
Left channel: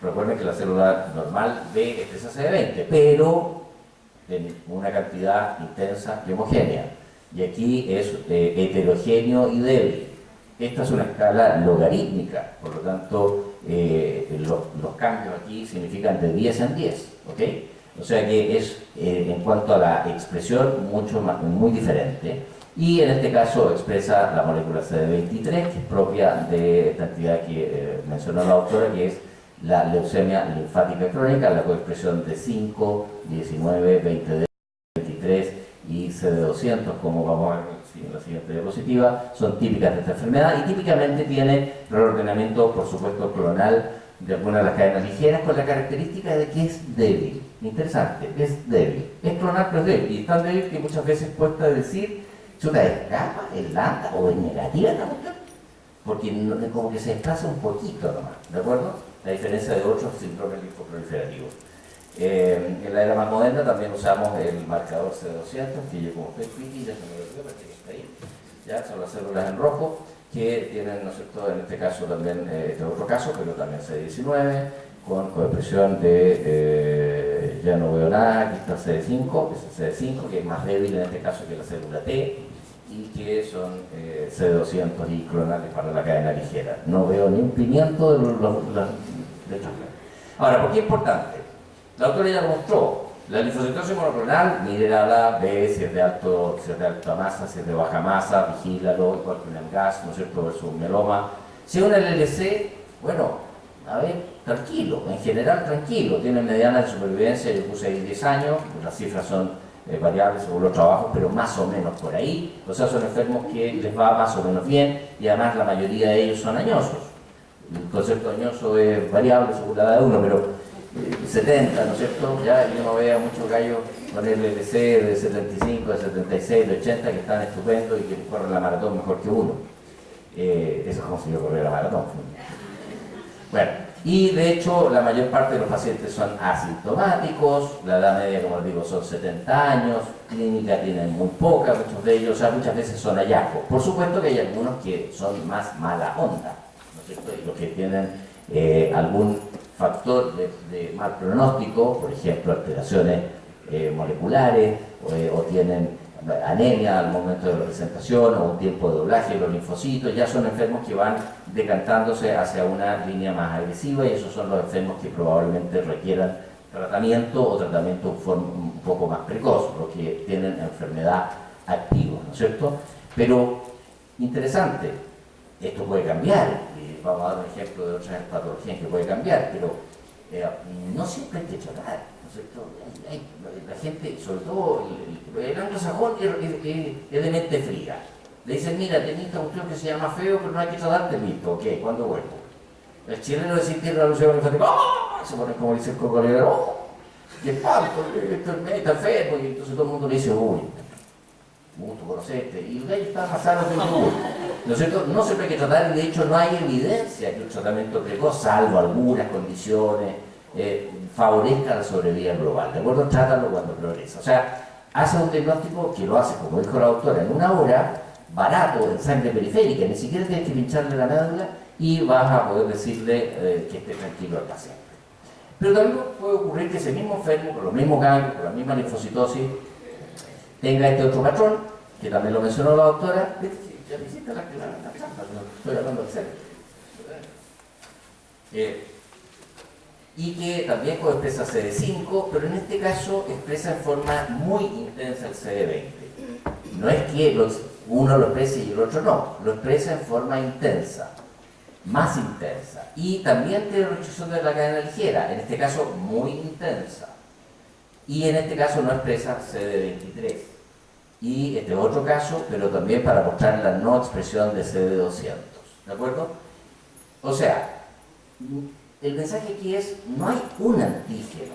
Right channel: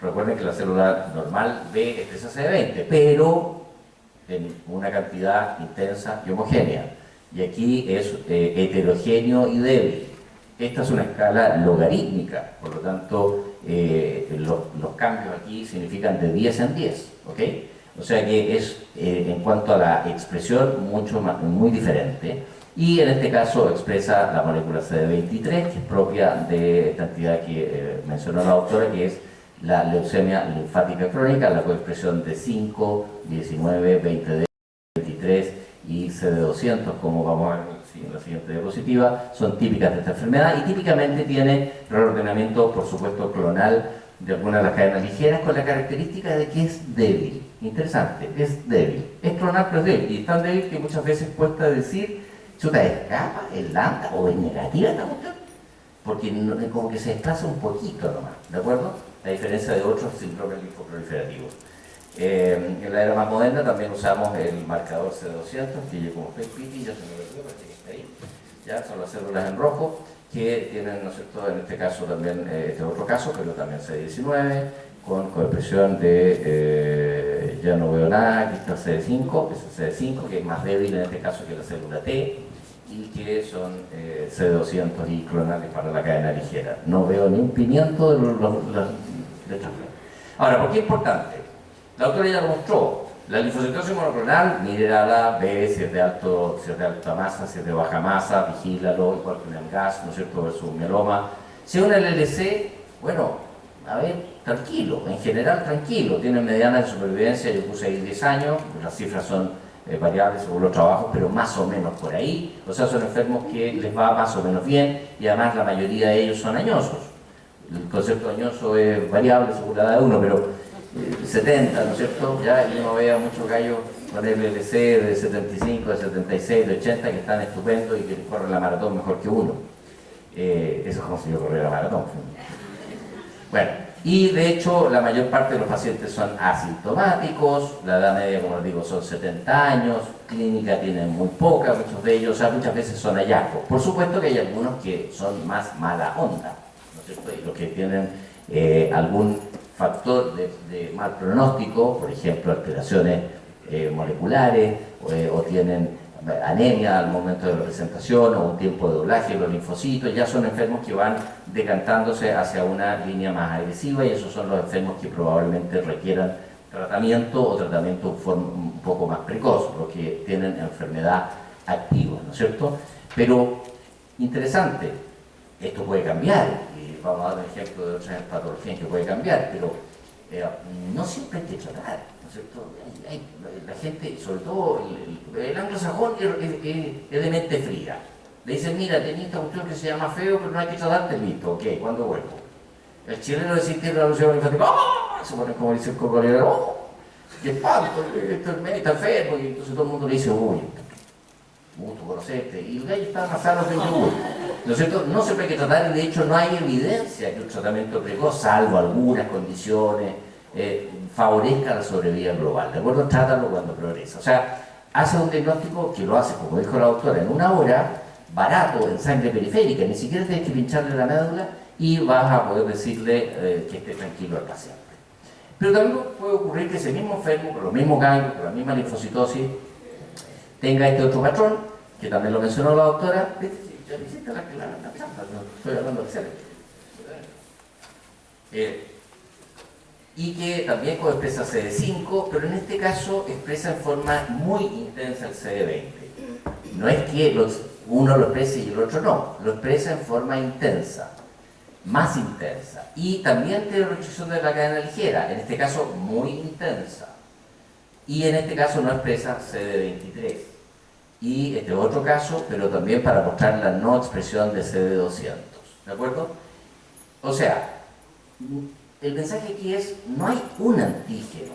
Recuerden que la célula normal B expresa CD20, pero en una cantidad intensa y homogénea, y aquí es heterogéneo y débil. Esta es una escala logarítmica, por lo tanto los cambios aquí significan de 10 en 10, ¿ok? O sea que es, en cuanto a la expresión, muy diferente. Y en este caso expresa la molécula CD23, que es propia de esta entidad que mencionó la doctora, que es la leucemia linfática crónica, la coexpresión de 5, 19, 20D, 23 y CD200, como vamos a ver en la siguiente diapositiva, son típicas de esta enfermedad y típicamente tiene reordenamiento, por supuesto, clonal de algunas de las cadenas ligeras, con la característica de que es débil. Interesante, es débil. Es clonal, pero es débil. Y es tan débil que muchas veces cuesta decir, chuta, es kappa, es lambda o es negativa esta cuestión, porque como que se desplaza un poquito nomás, ¿de acuerdo? A diferencia de otros síndromes linfoproliferativos. En la era más moderna también usamos el marcador CD200, que yo como PET-CT, ya se me olvidó, parece que está ahí. Ya son las células en rojo, que tienen, ¿no es cierto?, en este caso también, este otro caso, pero también CD19, con coexpresión de, ya no veo nada, aquí está CD5, es el CD5, que es más débil en este caso que la célula T, y que son CD200 y clonales para la cadena ligera. No veo ni un pimiento de estas. Ahora, ¿por qué es importante? La autora ya lo mostró. La linfocitosis monoclonal, mírala, ve si es de alta masa, si es de baja masa, vigílalo, igual que un gas, ¿no es cierto?, versus un mieloma. Si es un LLC, bueno, a ver, tranquilo, en general tranquilo, tiene mediana de supervivencia, yo puse ahí 10 años, las cifras son variables según los trabajos, pero más o menos por ahí. O sea, son enfermos que les va más o menos bien, y además la mayoría de ellos son añosos. El concepto añoso es variable según la edad de uno, pero 70, ¿no es cierto? Ya uno ve a muchos gallos con LLC de 75, de 76, de 80 que están estupendos y que corren la maratón mejor que uno. Eso es como si yo corriera la maratón. Bueno, y de hecho la mayor parte de los pacientes son asintomáticos, la edad media, como les digo, son 70 años, clínica tienen muy poca, muchos de ellos, o sea, muchas veces son hallazgos. Por supuesto que hay algunos que son más mala onda, ¿no es cierto? Y los que tienen algún factor de mal pronóstico, por ejemplo, alteraciones moleculares, o tienen anemia al momento de la presentación, o un tiempo de doblaje de los linfocitos, ya son enfermos que van decantándose hacia una línea más agresiva, y esos son los enfermos que probablemente requieran tratamiento o tratamiento un poco más precoz, los que tienen enfermedad activos, ¿no es cierto? Pero, interesante, esto puede cambiar, y vamos a dar un ejemplo de otras patologías que puede cambiar, pero no siempre hay que tratar, ¿no es cierto? La gente, sobre todo el anglosajón, es de mente fría. Le dicen, mira, tenés esta cuestión que se llama feo, pero no hay que tratarte, listo, ok, ¿cuándo vuelvo? El chileno de sentir la alusión infantil, ¡oh! Se pone como dice el cocodrilo, ¡oh! ¡Qué espanto! Está enfermo, y entonces todo el mundo le dice, uy, gusto conocerte, y el gallo está más sano que el yogur. ¿No es cierto? No siempre hay que tratar, y de hecho no hay evidencia que un tratamiento precoz, salvo algunas condiciones, favorezca la sobrevida global. ¿De acuerdo? Trátalo cuando progresa. O sea, hace un diagnóstico que lo hace, como dijo la doctora, en una hora, barato, en sangre periférica, ni siquiera tienes que pincharle la médula y vas a poder decirle que esté tranquilo al paciente. Pero también puede ocurrir que ese mismo enfermo, con los mismos ganglios, con la misma linfocitosis, tenga este otro patrón, que también lo mencionó la doctora, ya le hiciste la trampa, estoy hablando de serio. Y que también expresa CD5, pero en este caso expresa en forma muy intensa el CD20. No es que uno lo exprese y el otro no, lo expresa en forma intensa, más intensa. Y también tiene restricción de la cadena ligera, en este caso muy intensa. Y en este caso no expresa CD23. Y este otro caso, pero también para mostrar la no expresión de CD200. ¿De acuerdo? O sea, el mensaje aquí es, no hay un antígeno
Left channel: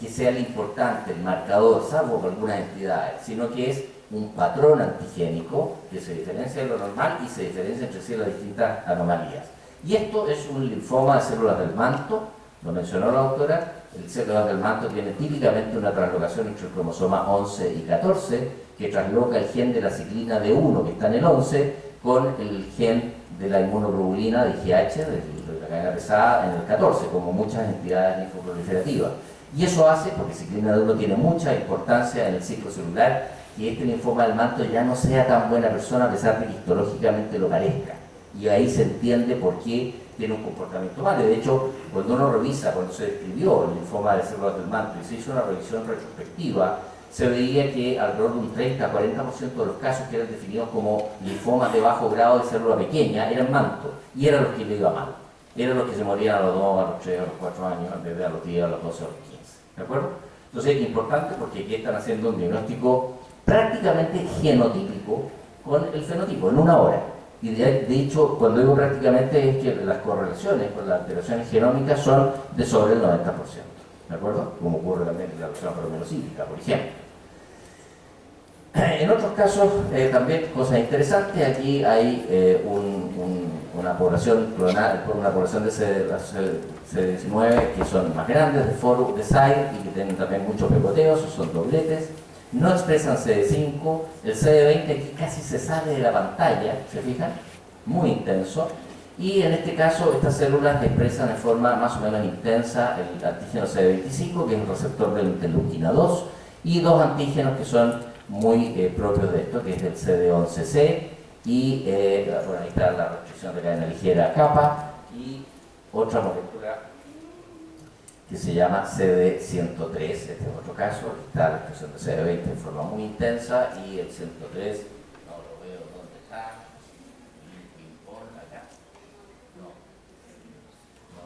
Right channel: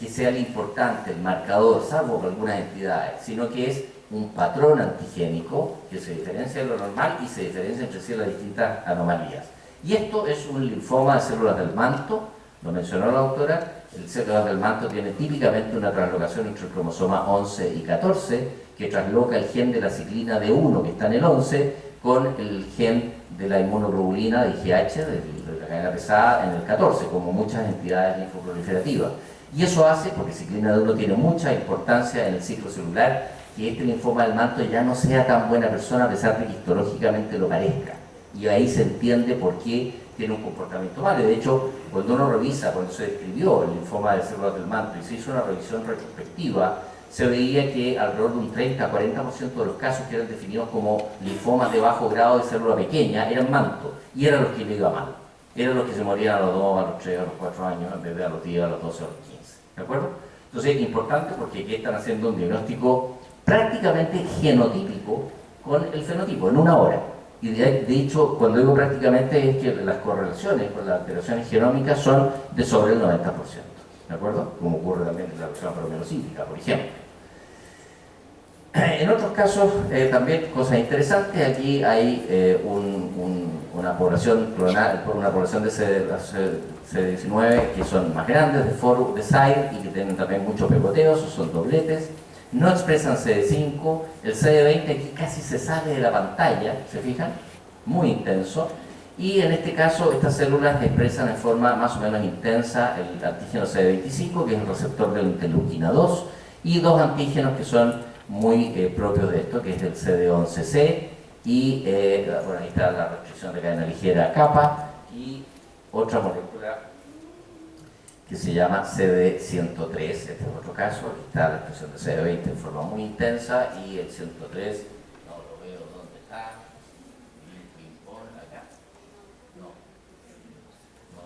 que sea el importante, el marcador, salvo por algunas entidades, sino que es un patrón antigénico que se diferencia de lo normal y se diferencia entre sí las distintas anomalías. Y esto es un linfoma de células del manto, lo mencionó la doctora, el células del manto tiene típicamente una translocación entre el cromosoma 11 y 14, que trasloca el gen de la ciclina D1, que está en el 11, con el gen de la inmunoglobulina de IgH, de la cadena pesada, en el 14, como muchas entidades linfoproliferativas. Y eso hace, porque ciclina D1 tiene mucha importancia en el ciclo celular, que este linfoma del manto ya no sea tan buena persona a pesar de que histológicamente lo parezca. Y ahí se entiende por qué tiene un comportamiento malo. De hecho, cuando uno revisa, cuando se describió el linfoma de células del manto y se hizo una revisión retrospectiva, se veía que alrededor de un 30 a 40% de los casos que eran definidos como linfomas de bajo grado de célula pequeña eran manto, y eran los que le iba mal. Eran los que se morían a los 2, a los 3, a los 4 años, en vez de a los 10, a los 12, a los 15. ¿De acuerdo? Entonces es importante porque aquí están haciendo un diagnóstico prácticamente genotípico con el fenotipo, en una hora. Y de hecho, cuando digo prácticamente, es que las correlaciones con las alteraciones genómicas son de sobre el 90%. ¿De acuerdo? Como ocurre también en la reacción promelocítica, por ejemplo. En otros casos, también cosas interesantes, aquí hay una población clonal, una población de CD19 que son más grandes, de FORU, de SAID, y que tienen también mucho pegoteo, son dobletes, no expresan CD5, el CD20 aquí casi se sale de la pantalla, ¿se fijan? Muy intenso, y en este caso estas células expresan en forma más o menos intensa el antígeno CD25, que es el receptor de la interleuquina 2, y dos antígenos que son muy propios de esto, que es el CD11C, y bueno, ahí está la restricción de cadena ligera kappa, y otra molécula que se llama CD103, este es otro caso, aquí está la expresión de CD20 en forma muy intensa, y el 103, no lo veo dónde está, acá, no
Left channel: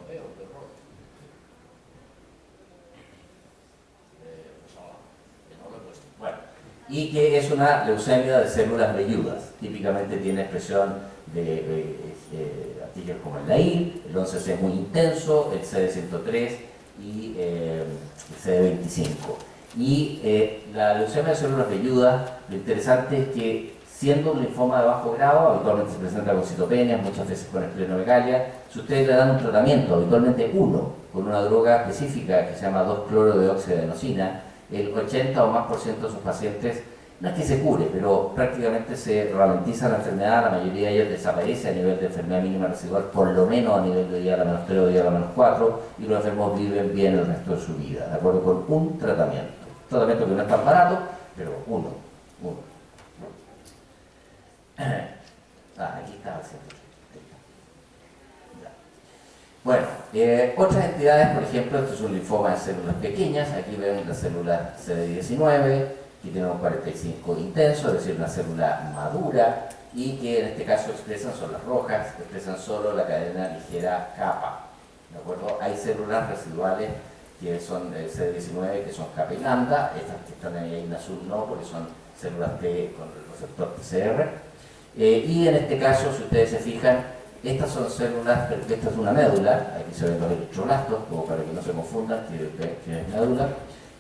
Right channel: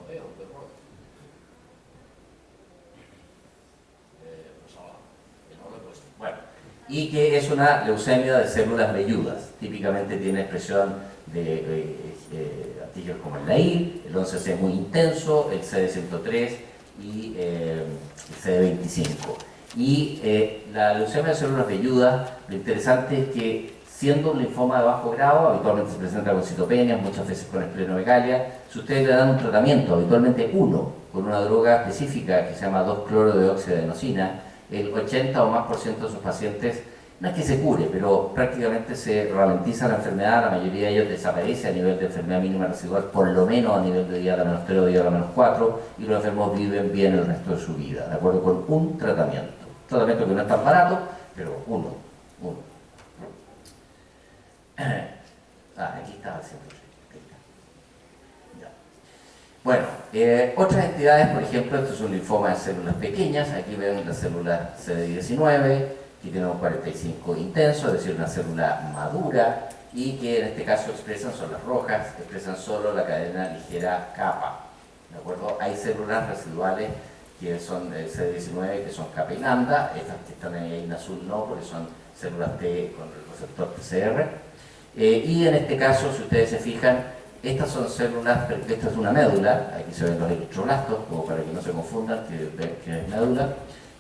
veo, qué horror. No lo he puesto. Bueno, y que es una leucemia de células velludas, típicamente tiene expresión de antígenos como el LAIR, el 11C muy intenso, el CD103 y el CD25. Y la leucemia de células velludas, lo interesante es que siendo un linfoma de bajo grado, habitualmente se presenta con citopenias, muchas veces con esplenomegalia, si ustedes le dan un tratamiento, habitualmente uno, con una droga específica que se llama 2-cloro-deoxiadenosina, el 80 o más por ciento de sus pacientes, no es que se cure, pero prácticamente se ralentiza la enfermedad, la mayoría de ellos desaparece a nivel de enfermedad mínima residual, por lo menos a nivel de -3 o -4, y los enfermos viven bien el resto de su vida, de acuerdo con un tratamiento. Un tratamiento que no es tan barato, pero uno. Aquí está el centro. Bueno, otras entidades, por ejemplo, esto es un linfoma de células pequeñas, aquí ven las células CD19, que tienen un 45 intenso, es decir, una célula madura, y que en este caso expresan, son las rojas, expresan solo la cadena ligera kappa. ¿De acuerdo? Hay células residuales que son CD19, que son kappa y lambda, estas que están ahí en azul no, porque son células T con el receptor TCR. Y en este caso, si ustedes se fijan, estas son células, esta es una médula, aquí se ven los eritroblastos, como para que no se confundan que es médula.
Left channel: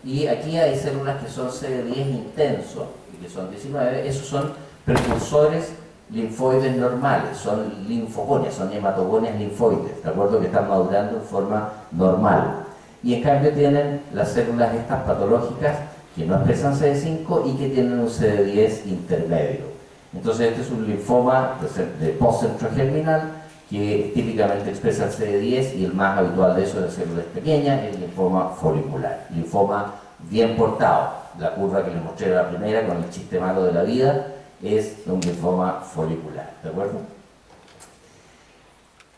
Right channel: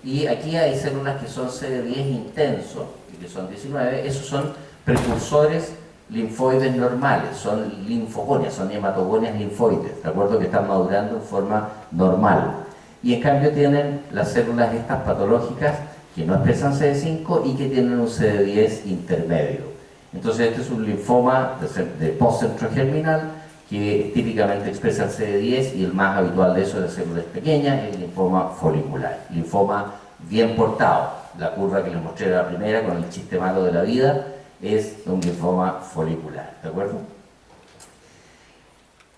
Y aquí hay células que son CD10 intenso, y que son 19, esos son precursores linfoides normales, son linfogonias, son hematogonias linfoides, ¿de acuerdo? Que están madurando en forma normal. Y en cambio tienen las células estas patológicas que no expresan CD5 y que tienen un CD10 intermedio. Entonces este es un linfoma de postcentro germinal que típicamente expresa el CD10 y el más habitual de eso es de células pequeñas, es el linfoma folicular. Linfoma bien portado. La curva que les mostré la primera con el chiste malo de la vida es un linfoma folicular, ¿de acuerdo?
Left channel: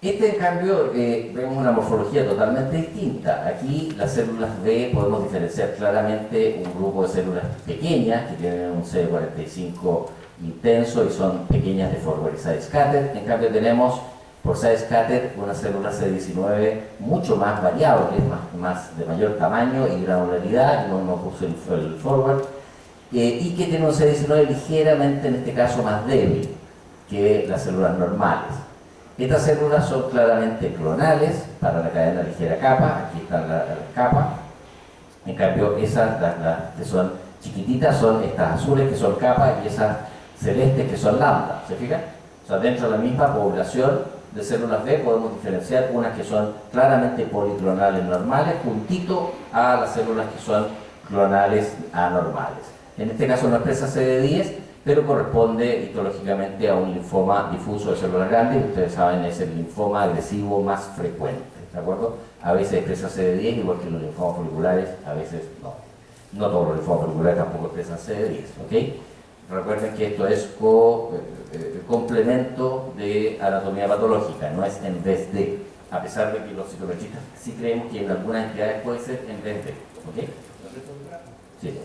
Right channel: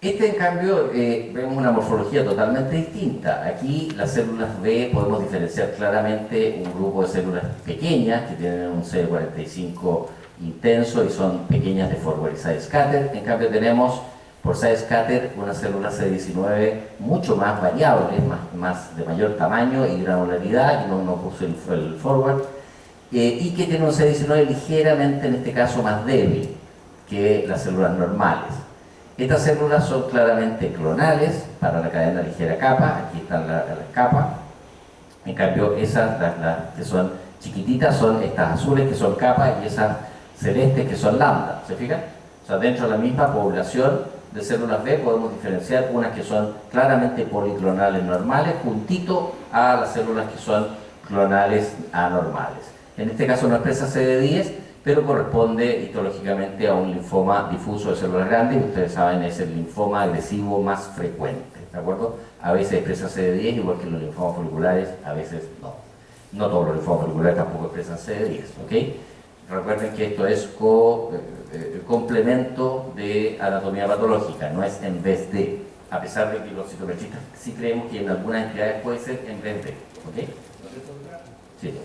Este, en cambio, vemos una morfología totalmente distinta. Aquí las células B podemos diferenciar claramente un grupo de células pequeñas que tienen un CD45 intenso y son pequeñas de forward side scatter. En cambio tenemos por side scatter unas células CD19 mucho más variables, más de mayor tamaño y granularidad, que no puse el forward, y que tienen un CD19 ligeramente, en este caso, más débil que las células normales. Estas células son claramente clonales para la cadena ligera kappa, aquí están las kappa. En cambio, esas, las que son chiquititas, son estas azules que son kappa y esas celestes que son lambda, ¿se fijan? O sea, dentro de la misma población de células B podemos diferenciar unas que son claramente policlonales normales, juntito a las células que son clonales anormales. En este caso no expresa CD10, pero corresponde histológicamente a un linfoma difuso de células grandes, y ustedes saben, es el linfoma agresivo más frecuente, ¿de acuerdo? A veces expresa CD10, igual que los linfomas foliculares, a veces no. No todos los linfomas foliculares tampoco expresan CD10, ¿ok? Recuerden que esto es complemento de anatomía patológica, no es en vez de, a pesar de que los citometristas sí creemos que en algunas entidades puede ser en vez de, ¿ok? Sí.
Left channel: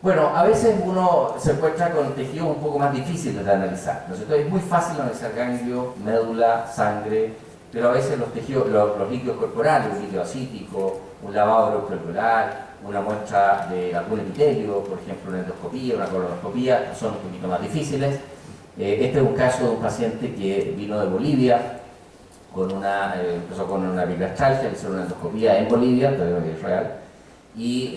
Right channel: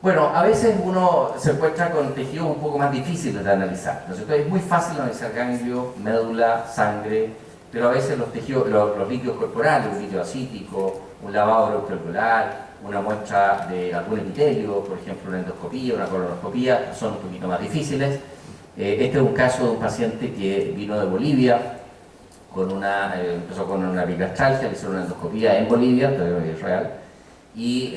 Bueno, a veces uno se encuentra con tejidos un poco más difíciles de analizar, ¿no es cierto? Es muy fácil analizar ganglio, médula, sangre, pero a veces los tejidos, los líquidos corporales, un líquido acítico, un lavado celular, una muestra de algún epitelio, por ejemplo una endoscopía, una colonoscopía, son un poquito más difíciles. Este es un caso de un paciente que vino de Bolivia, empezó con una bigastralgia, le hicieron una endoscopía en Bolivia, pero es real, y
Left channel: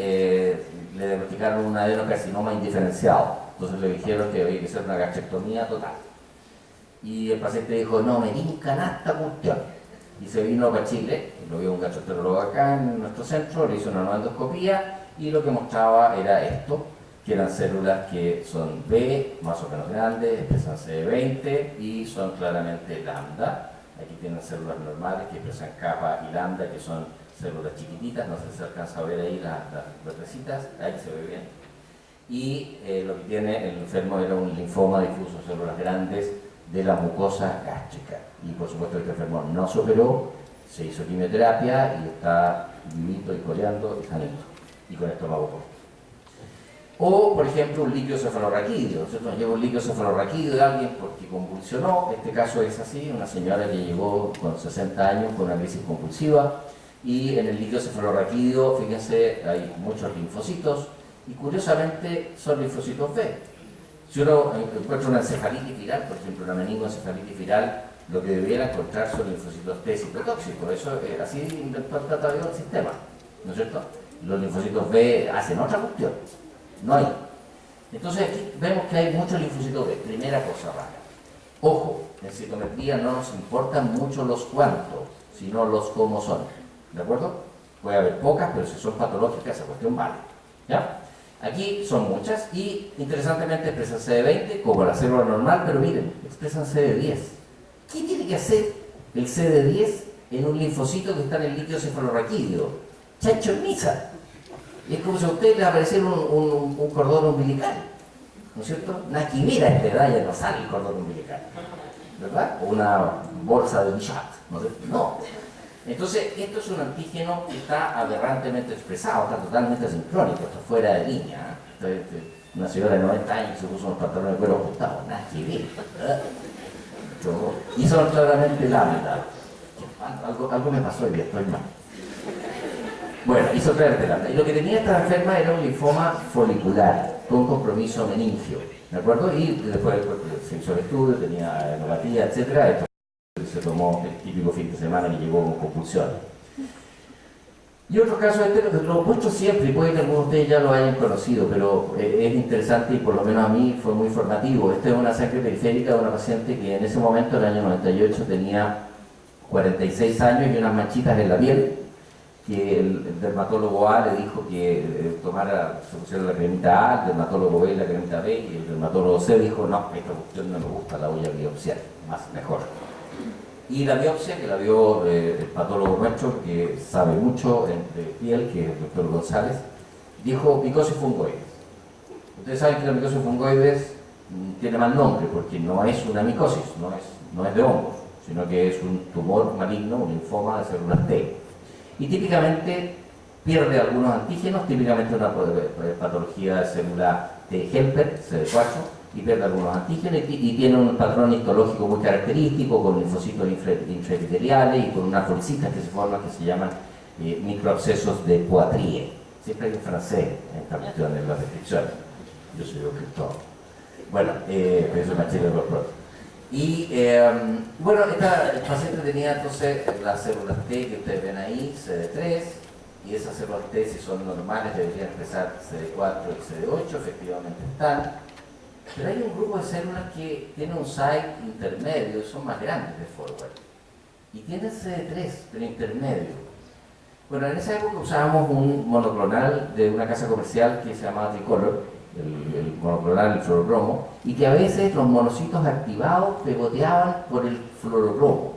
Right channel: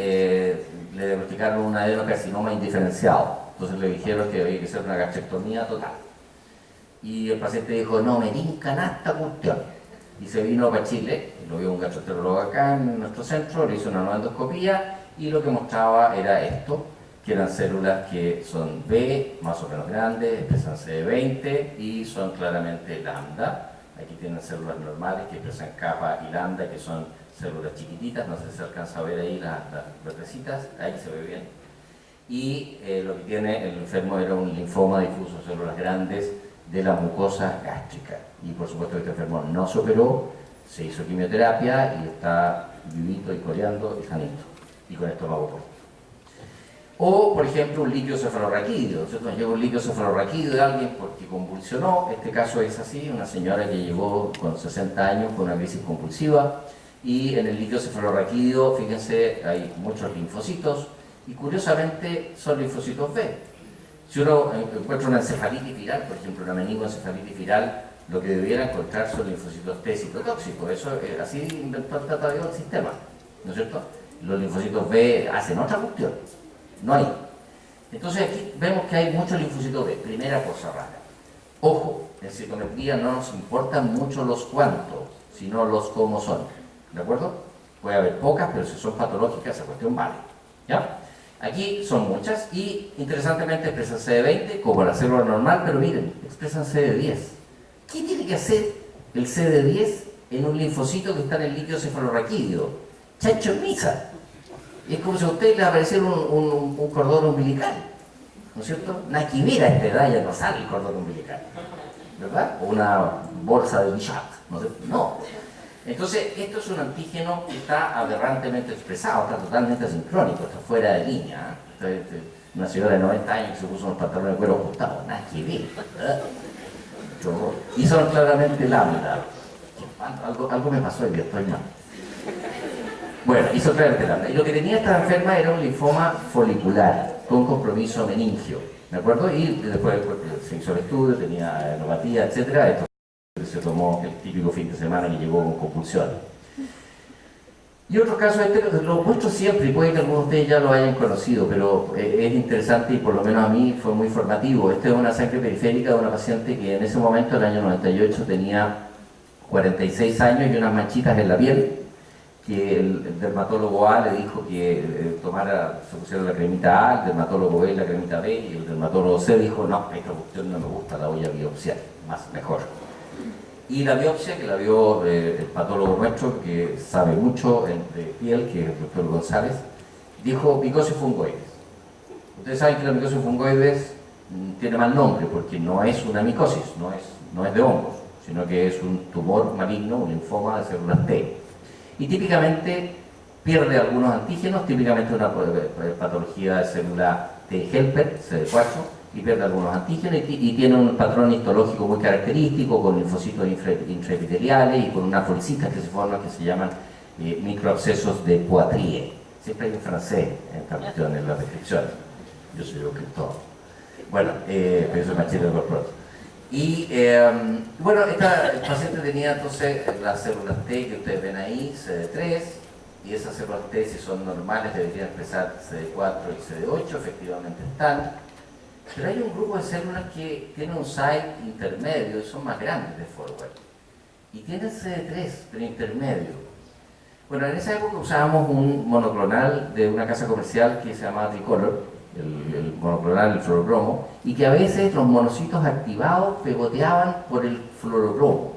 le diagnosticaron un adenocarcinoma indiferenciado. Entonces le dijeron que había que hacer una gastrectomía total. Y el paciente dijo, no me tinca nada esta cuestión. Y se vino para Chile, lo vio un gastroenterólogo acá en nuestro centro, le hizo una nueva endoscopía y lo que mostraba era esto, que eran células que son B, más o menos grandes, expresan CD20 y son claramente lambda. Aquí tienen células normales que expresan kappa y lambda, que son células chiquititas, no sé si se alcanza a ver ahí las vertecitas, ahí se ve bien. Y lo que tiene el enfermo era un linfoma difuso, células grandes de la mucosa gástrica. Y por supuesto este enfermo no se operó, se hizo quimioterapia y está vivito y coleando y sanito. Y con estómago por. O, por ejemplo, un líquido cefalorraquídeo. Nos llegó un líquido cefalorraquídeo de alguien porque convulsionó. Este caso es así, una señora que llegó con 60 años con una crisis convulsiva. Y en el líquido cefalorraquídeo, fíjense, hay muchos linfocitos. Y curiosamente son linfocitos B. Si uno encuentra una encefalitis viral, por ejemplo, una meningoencefalitis viral, lo que debiera encontrar son linfocitos T citotóxicos. Eso así inventó el tratado del sistema, ¿no es cierto? Los linfocitos B hacen otra cuestión. No hay. Entonces aquí vemos que hay muchos linfocitos B. Primera cosa rara. Ojo, en citometría no nos importan mucho los cuántos, sino los cómo son. ¿De acuerdo? Puede haber pocas, pero si son patológicas, esa cuestión vale. ¿Ya? Aquí son muchas y interesantemente expresan CD20 como la célula normal, pero miren, expresan CD10. ¿Qué tiene que hacer el CD10 en un linfocito que está en el líquido cefalorraquídeo? Chancho en misa. Es como si a usted le apareciera un cordón umbilical, ¿no es cierto? Una quimera a esta edad ya no sale el cordón umbilical, ¿verdad? O una bolsa de billar, ¿no es cierto? No. Entonces, esto es un antígeno que está aberrantemente expresado, está totalmente sincrónico, está fuera de línea. Una señora de 90 años que se puso unos pantalones de cuero ajustados, nada que ver. Y son claramente lambda. Algo me pasó y yo estoy mal. Bueno, hizo claramente lambda. Y lo que tenía esta enferma era un linfoma folicular, con compromiso meningio. ¿De acuerdo? Y después se hizo el estudio, tenía neuropatía, etc. Esto se tomó el típico fin de semana que llegó con convulsiones. Y otro caso, lo muestro siempre, y puede que algunos de ustedes ya lo hayan conocido, pero es interesante y por lo menos a mí fue muy formativo. Esta es una sangre periférica de una paciente que en ese momento, en el año 98, tenía 46 años y unas manchitas en la piel, que el dermatólogo A le dijo que se pusiera la cremita A, el dermatólogo B la cremita B, y el dermatólogo C dijo, no, esta cuestión no me gusta, la voy a biopsiar, mejor. Y la biopsia, que la vio el patólogo nuestro, que sabe mucho entre piel, que es el doctor González, dijo micosis fungoides. Ustedes saben que la micosis fungoides tiene mal nombre, porque no es una micosis, no es de hongos, sino que es un tumor maligno, un linfoma de células T. Y típicamente pierde algunos antígenos, típicamente una patología de célula T helper, CD4, y pierde algunos antígenos y tiene un patrón histológico muy característico con linfocitos intraepiteliales y con unas bolsitas que se forman que se llaman microabscesos de Poitiers. Siempre hay un francés en esta cuestión en las descripciones. Yo soy escritor. Bueno, pero eso es machito de corporate. Y bueno, esta paciente tenía entonces las células T que ustedes ven ahí, CD3, y esas células T, si son normales, deberían expresar CD4 y CD8, efectivamente están. Pero hay un grupo de células que tienen un site intermedio y son más grandes de forward. Y tienen CD3, pero intermedio. Bueno, en esa época usábamos un monoclonal de una casa comercial que se llamaba Tricolor, el monoclonal, el fluorocromo, y que a veces los monocitos activados pegoteaban por el fluorocromo.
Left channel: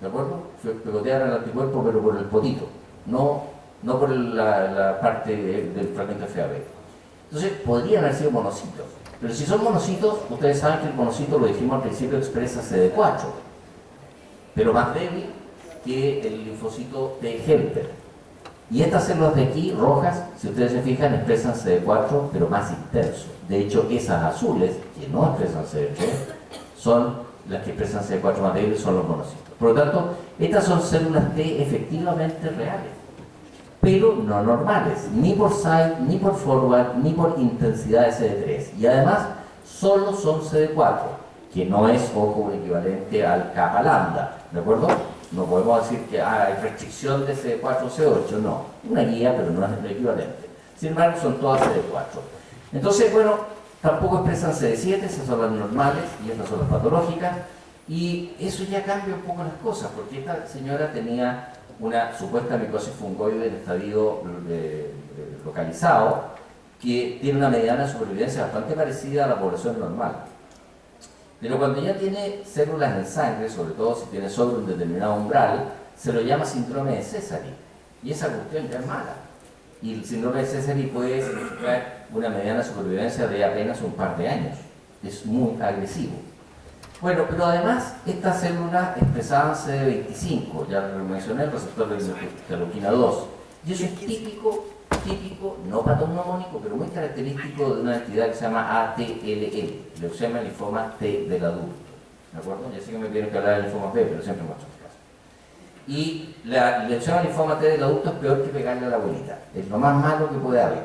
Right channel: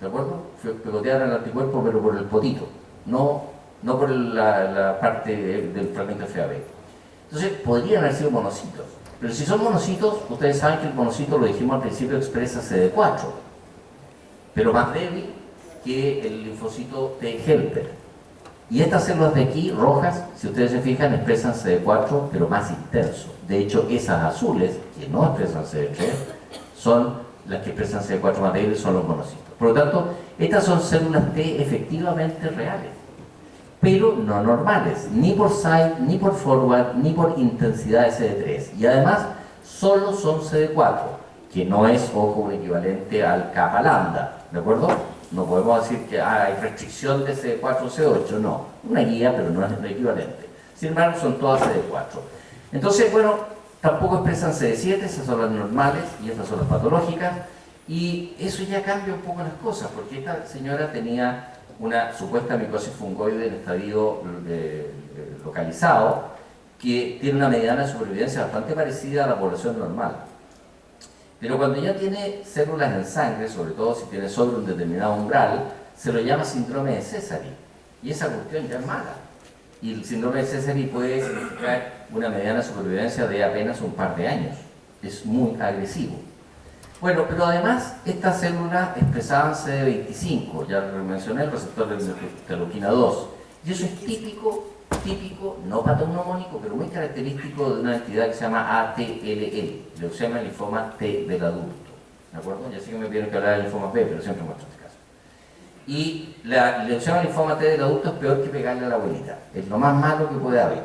¿De acuerdo? Pegoteaban el anticuerpo, pero por el potito, no por la parte del fragmento FAB. Entonces, podrían haber sido monocitos. Pero si son monocitos, ustedes saben que el monocito, lo dijimos al principio, expresa CD4, pero más débil que el linfocito T helper. Y estas células de aquí, rojas, si ustedes se fijan, expresan CD4, pero más intenso. De hecho, esas azules, que no expresan CD3, son las que expresan CD4 más débil, son los monocitos. Por lo tanto, estas son células T efectivamente reales, pero no normales, ni por site, ni por forward, ni por intensidad de CD3. Y además, solo son CD4, que no es, ojo, un equivalente al kappa lambda, ¿de acuerdo? No podemos decir que hay restricción de CD4 o CD8, no. Una guía, pero no es el equivalente. Sin embargo, son todas CD4. Entonces, bueno, tampoco expresan CD7, esas son las normales y estas son las patológicas. Y eso ya cambia un poco las cosas, porque esta señora tenía una supuesta micosis fungoide en estadio localizado, que tiene una mediana de supervivencia bastante parecida a la población normal. Pero cuando ya tiene células en sangre, sobre todo si tiene sobre un determinado umbral, se lo llama síndrome de Sézary. Y esa cuestión ya es mala. Y el síndrome de Sézary puede significar una mediana supervivencia de apenas un par de años. Es muy agresivo. Bueno, pero además estas células expresaban CD25, ya lo mencioné, el receptor de interleuquina 2. Y eso es típico, no patognomónico, pero muy característico de una entidad que se llama ATLL, leucemia linfoma T del adulto. ¿De acuerdo? Ya sé que me pidieron que hablara de linfomas B, pero siempre muestro este caso. Y la leucemia linfoma T del adulto es peor que pegarle a la abuelita. Es lo más malo que puede haber.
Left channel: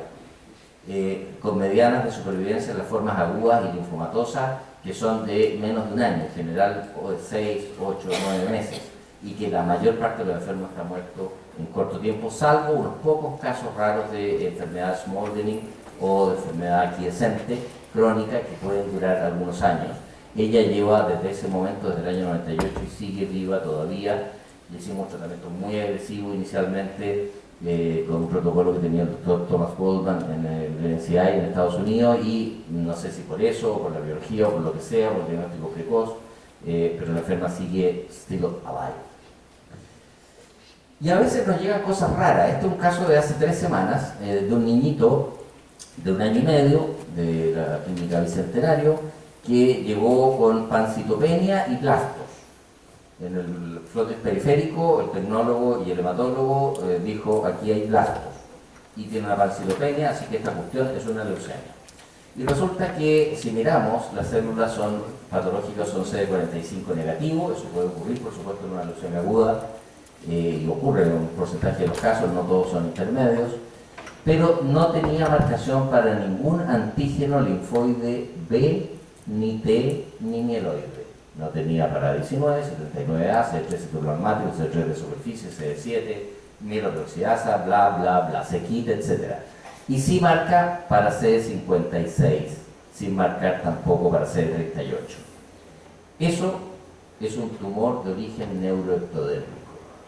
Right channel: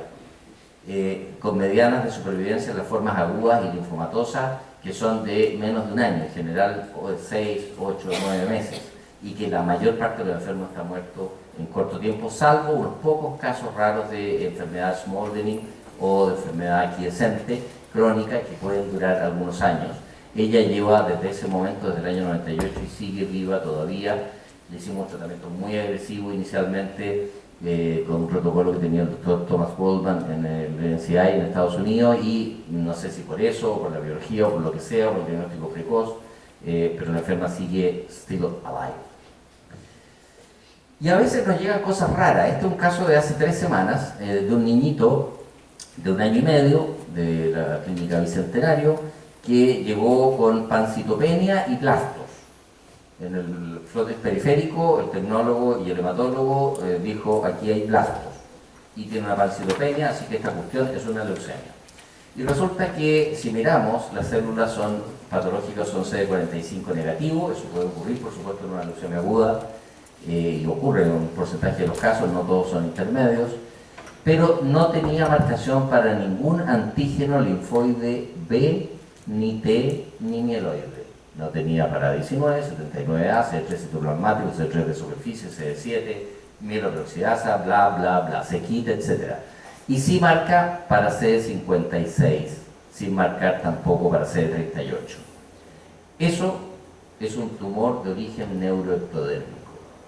Con medianas de supervivencia en las formas agudas y linfomatosas, que son de menos de un año, en general de 6, 8, 9 meses, y que la mayor parte de los enfermos está muerto en corto tiempo, salvo unos pocos casos raros de enfermedad smoldering o de enfermedad aquiescente crónica que pueden durar algunos años. Ella lleva desde ese momento, desde el año 98, y sigue viva todavía. Le hicimos un tratamiento muy agresivo inicialmente, con un protocolo que tenía el doctor Thomas Goldman en el NCI en Estados Unidos, y no sé si por eso, o por la biología, o por lo que sea, por el diagnóstico precoz, pero la enferma sigue still alive. Y a veces nos llegan cosas raras. Este es un caso de hace 3 semanas, de un niñito de 1 año y medio, de la clínica Bicentenario, que llegó con pancitopenia y plastos. En el frotis periférico, el tecnólogo y el hematólogo dijo, aquí hay blastos y tiene una pancytopenia, así que esta cuestión es una leucemia. Y resulta que si miramos, las células son patológicas, son CD45 negativo, eso puede ocurrir por supuesto en una leucemia aguda, y ocurre en un porcentaje de los casos, no todos son intermedios, pero no tenía marcación para ningún antígeno linfoide B, ni T, ni mieloide. No tenía para 19, 79A, CD3 citoplasmático, CD3 de superficie, CD7, mieloperoxidasa, bla, bla, bla, C-KIT, etc. Y sí marca para CD56, sin marcar tampoco para CD38. Eso es un tumor de origen neuroectodérmico.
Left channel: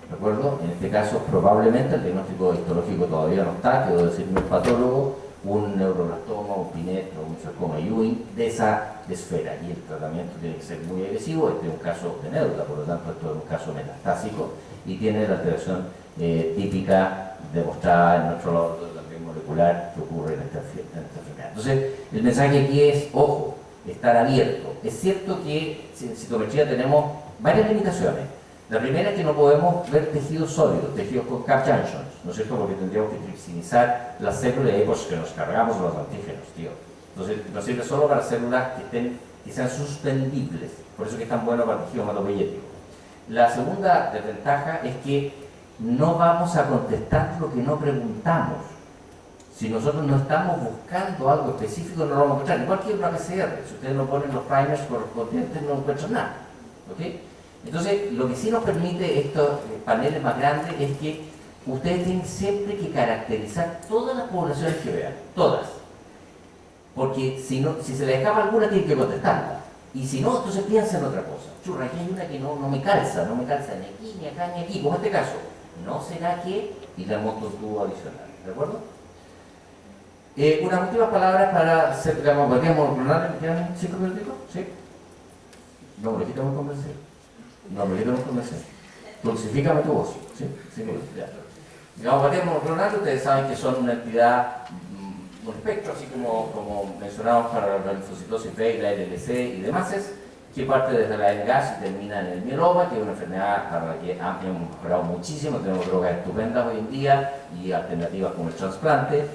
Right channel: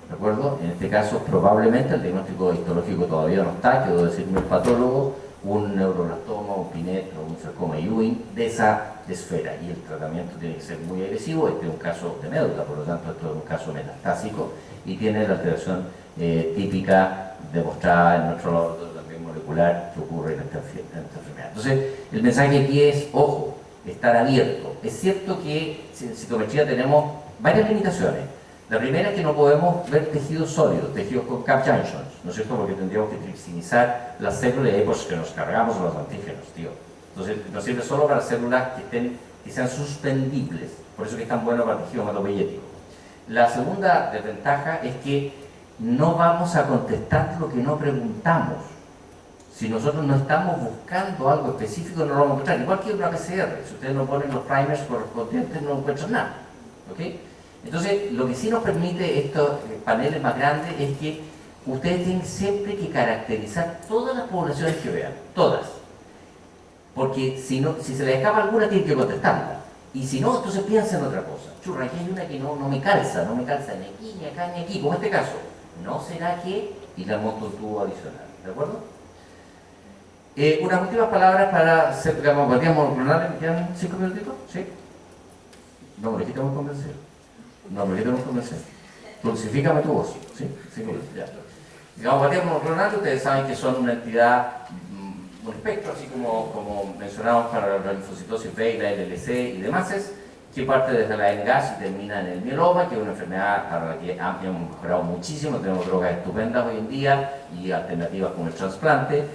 ¿De acuerdo? En este caso, probablemente el diagnóstico histológico todavía no está, quedó decirme el patólogo, un neuroblastoma, un Pinet o un sarcoma Ewing de esa esfera. Y el tratamiento tiene que ser muy agresivo. Este es un caso de médula, por lo tanto, esto es un caso metastásico y tiene la alteración típica demostrada en nuestro laboratorio también molecular que ocurre en esta enfermedad. Entonces, el mensaje aquí es, ojo, estar abierto. Es cierto que en citometría tenemos varias limitaciones. La primera es que no podemos ver tejidos sólidos, tejidos con cap junctions, ¿no es cierto? Porque tendríamos que tripsinizar las células y ahí pues que nos cargamos los antígenos, tío. Entonces nos sirve solo para células que sean suspendibles, por eso que es tan bueno para el tejido hematopoyético. La segunda desventaja es que no vamos a contestar lo que no preguntamos. Si nosotros no estamos buscando algo específico, no lo vamos a encontrar. Igual que una PCR, si ustedes no ponen los primers correspondientes, no encuentran nada. ¿Ok? Entonces, lo que sí nos permite estos paneles más grandes es que ustedes tienen siempre que caracterizar todas las poblaciones que vean, todas. Porque si se les escapa alguna, tienen que contestarla. Y si no, entonces piensen en otra cosa. Churra, aquí hay una que no me calza ni aquí, ni acá, ni aquí, como este caso. ¿No será que? Y le monto un tubo adicional, ¿de acuerdo? Unas últimas palabras para hacer gamopatía monoclonal. ¿Me quedan 5 minutitos? ¿Sí? No, me quitamos convencer. No, me quitamos convencer. Dulcifícame tu voz. ¿Sí? 5 minutos, ya. Gamopatía monoclonal, ustedes saben que son una entidad, un espectro, así como mencionamos para la linfocitosis B y la LLC y demás, que parte desde la NGAS y termina en el mieloma, que es una enfermedad para la que hemos mejorado muchísimo. Tenemos drogas estupendas hoy en día y alternativas como el trasplante,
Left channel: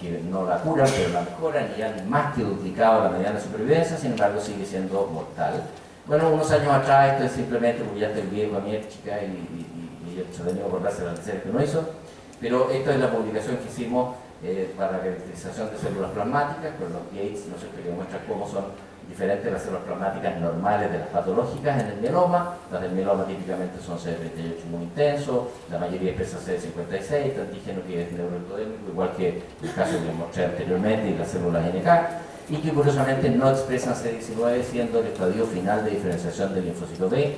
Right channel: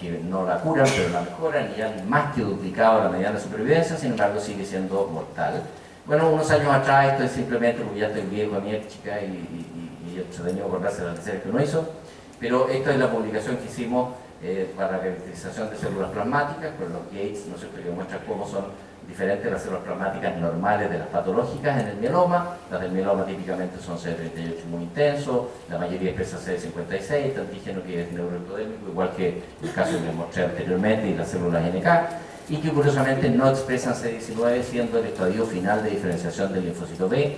que no la curan, pero la mejoran y han más que duplicado la mediana supervivencia, sin embargo sigue siendo mortal. Bueno, unos años atrás, esto es simplemente porque ya estoy viejo, mi chica, y he tenido por darse las necesidades que uno hizo, pero esta es la publicación que hicimos para la caracterización de células plasmáticas, con los Gates, ¿no sé qué?, que muestra cómo son diferentes las células plasmáticas normales de las patológicas en el mieloma. Las del mieloma típicamente son CD38 muy intenso, la mayoría expresa CD56, este antígeno que es neuroectodérmico, igual que el caso que les mostré anteriormente, y las células NK, y que curiosamente no expresan CD19, siendo el estadio final de diferenciación del linfocito B,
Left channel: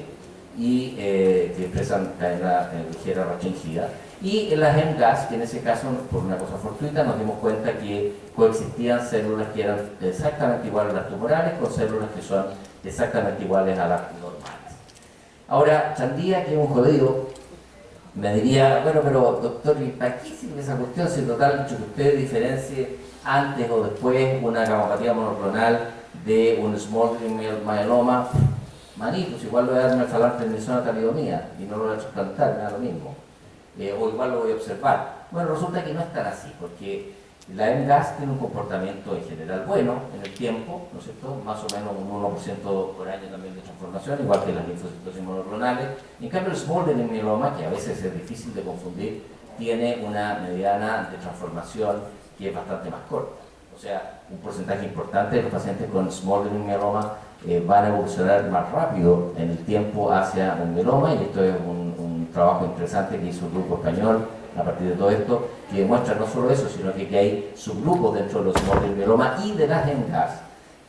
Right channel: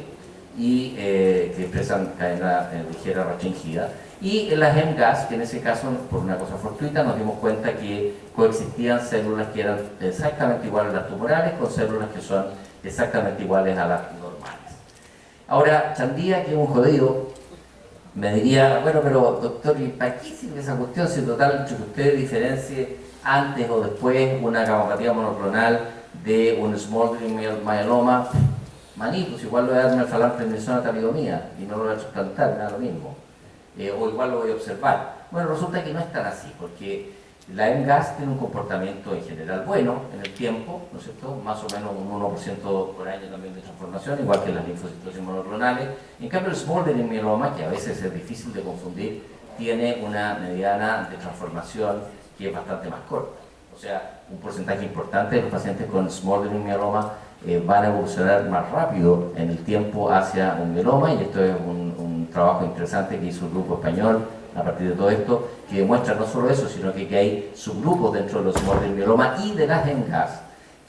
y que expresan cadena ligera restringida. Y en las MGAS, que en ese caso, por una cosa fortuita, nos dimos cuenta que coexistían células que eran exactamente iguales a las tumorales con células que son exactamente iguales a las normales. Ahora, Chandía, que es un jodido, me diría, bueno, pero doctor, ¿y para qué sirve esa cuestión si total que usted diferencie antes o después una gamopatía monoclonal de un smoldering myeloma? Manitos, igual lo voy a dar una falante en zona talidomía y no lo voy a trasplantar, me da lo mismo. O igual lo voy a observar. Bueno, resulta que no es tan así, porque la MGAS tiene un comportamiento en general bueno en el tiempo, ¿no es cierto? Más o menos un 1% por año también de transformación, igual que las linfocitosis monoclonales. En cambio, el smoldering myeloma, que a veces es difícil de confundir, tiene una mediana de transformación que es bastante más corta. O sea, un porcentaje importante de los pacientes con smoldering myeloma van a evolucionar más rápido en el tiempo hacia un mieloma, y esto es un trabajo interesante que hizo el grupo español a partir de todo esto, que demuestra no solo eso, sino que hay subgrupos dentro de los smoldering myeloma y de las MGAS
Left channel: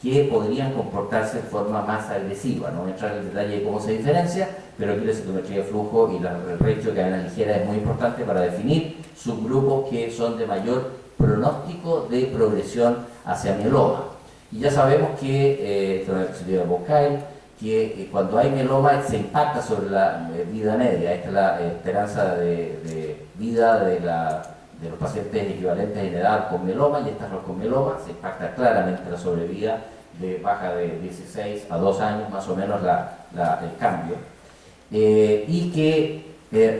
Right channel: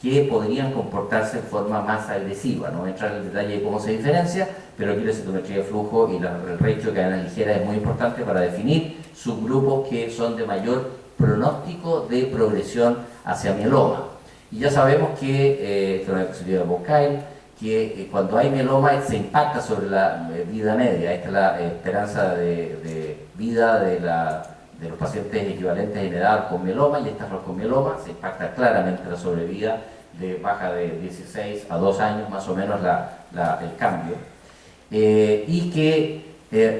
que podrían comportarse de forma más agresiva. No voy a entrar en el detalle de cómo se diferencia, pero aquí la citometría de flujo y el ratio de cadena ligera es muy importante para definir subgrupos que son de mayor pronóstico de progresión hacia mieloma. Y ya sabemos que, esto es una diapositiva de Bocail, que cuando hay mieloma se impacta sobre la vida media. Esta es la esperanza de vida de los pacientes equivalentes en edad con mieloma, y estas con mieloma se impacta claramente la sobrevida, de baja de 16 a 2 años más o menos el cambio. y que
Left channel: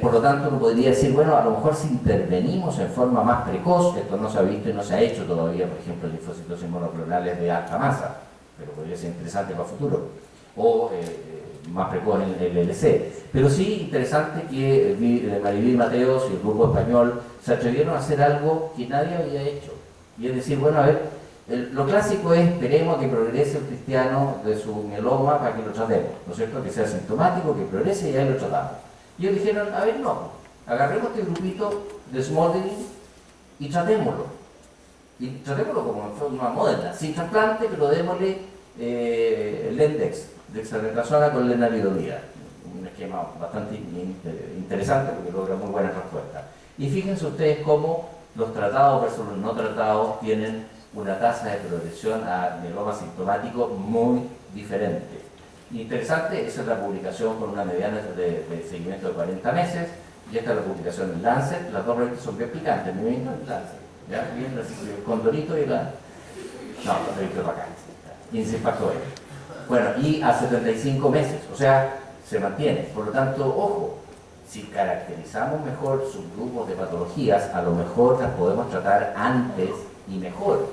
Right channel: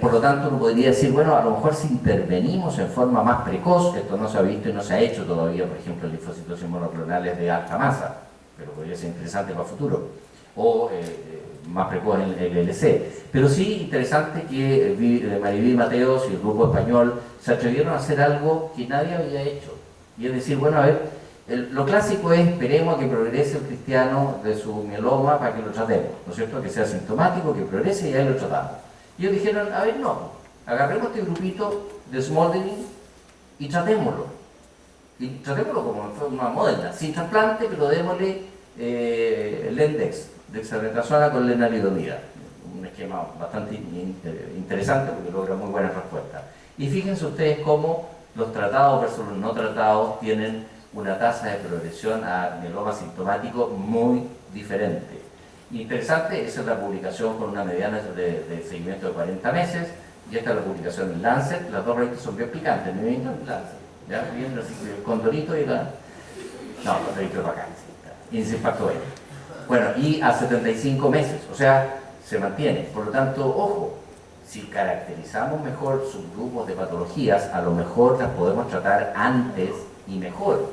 por lo tanto uno podría decir, bueno, a lo mejor si intervenimos en forma más precoz, esto no se ha visto y no se ha hecho todavía, por ejemplo, en linfocitosis monoclonales de alta masa, pero podría ser interesante para el futuro, o más precoz en el LC. Pero sí interesante que Mariví Mateos y el grupo español se atrevieron a hacer algo que nadie había hecho. Y es decir, bueno, a ver, lo clásico es esperemos a que progrese el cristiano de su mieloma para que lo tratemos, ¿no es cierto? Que sea sintomático, que progrese y ahí lo tratamos. Y ellos dijeron, a ver, no, agarremos este grupito de smoldering y tratémoslo. Y tratémoslo como en forma moderna, sin trasplante, pero démosle Lendex, dexametasona con lenalidomida. Un esquema bastante interesante porque logra muy buenas respuestas. Y fíjense ustedes cómo los tratados versus los no tratados tienen una tasa de progresión a mieloma sintomático muy diferente. Interesante, esa es la publicación con una mediana de seguimiento de 40 meses, y esta es la publicación en Lancet. Las dos revistas son bien picantes, me vienen en Lancet, ¿ya? Bien, Condorito y la... No, Condorito es bacán, índice de impacto N. Bueno, y a 75 meses, o sea, se mantiene. Por lo tanto, ojo, si caracterizamos mejor subgrupos de patologías, a lo mejor las podemos tratar antes y mejor,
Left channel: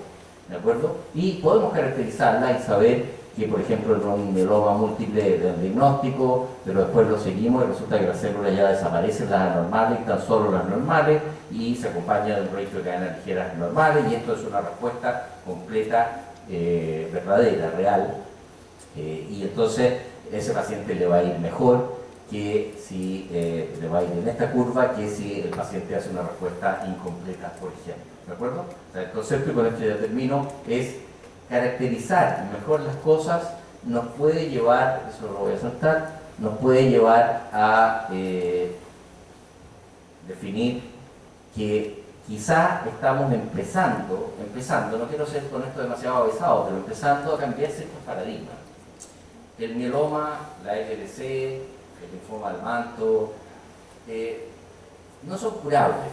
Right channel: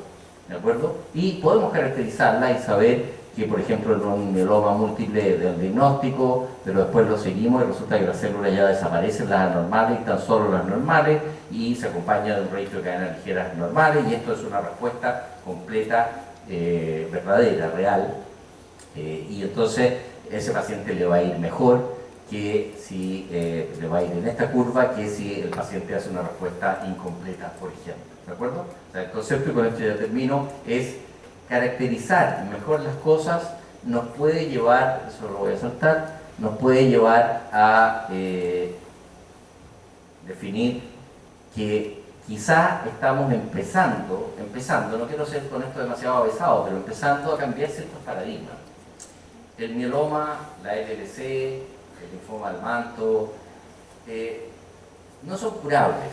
¿de acuerdo? Y podemos caracterizarlas y saber que, por ejemplo, en un mieloma múltiple de diagnóstico, pero después lo seguimos y resulta que las células ya desaparecen, las anormales, y tan solo las normales, y se acompaña de un ratio de cadenas ligeras normales, y esto es una respuesta completa, verdadera, real, y entonces ese paciente le va a ir mejor que si le va a ir en esta curva, que si el paciente hace una respuesta incompleta, por ejemplo, ¿de acuerdo? O sea, el concepto, y con esto ya termino, es caracterizar mejor las cosas nos puede llevar, eso lo voy a saltar, nos puede llevar a definir que quizá estamos empezando, no quiero ser con esto demasiado avesado, pero empezando a cambiar ciertos paradigmas. El mieloma, la LLC, el linfoma del manto, no son curables.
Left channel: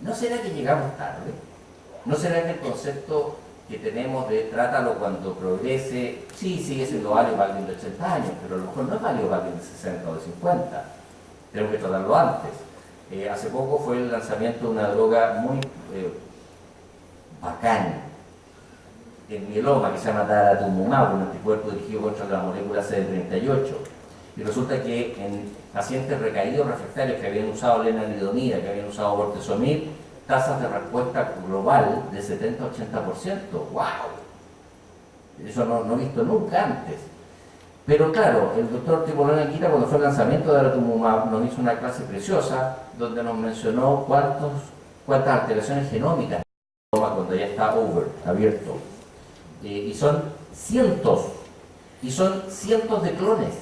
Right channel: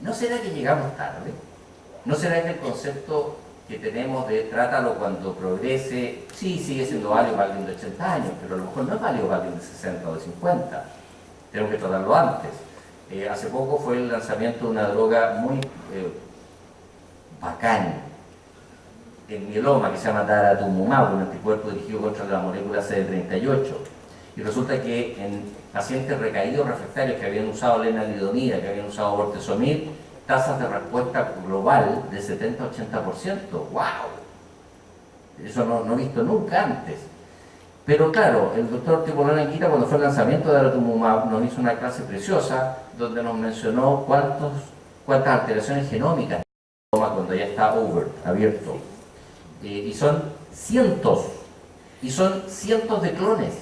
¿No será que llegamos tarde? ¿No será que el concepto que tenemos de trátalo cuando progrese, sí, sigue siendo válido para alguien de 80 años, pero a lo mejor no es válido para alguien de 60 o de 50? Tenemos que tratarlo antes. Hace poco fue el lanzamiento de una droga muy bacán en mieloma que se llama daratumumab, un anticuerpo dirigido contra la molécula CD38. Y resulta que en pacientes recaídos refractarios que habían usado lenalidomida, que habían usado bortezomib, tasas de respuesta global de 70-80%. ¡Wow! Eso no he visto nunca antes. Pero claro, el doctor Tibolón Anguita, cuando fue el lanzamiento de daratumumab, nos hizo una clase preciosa donde nos mencionó cuántas alteraciones genómicas cuando ya está abierto. Y son cientos, de clones.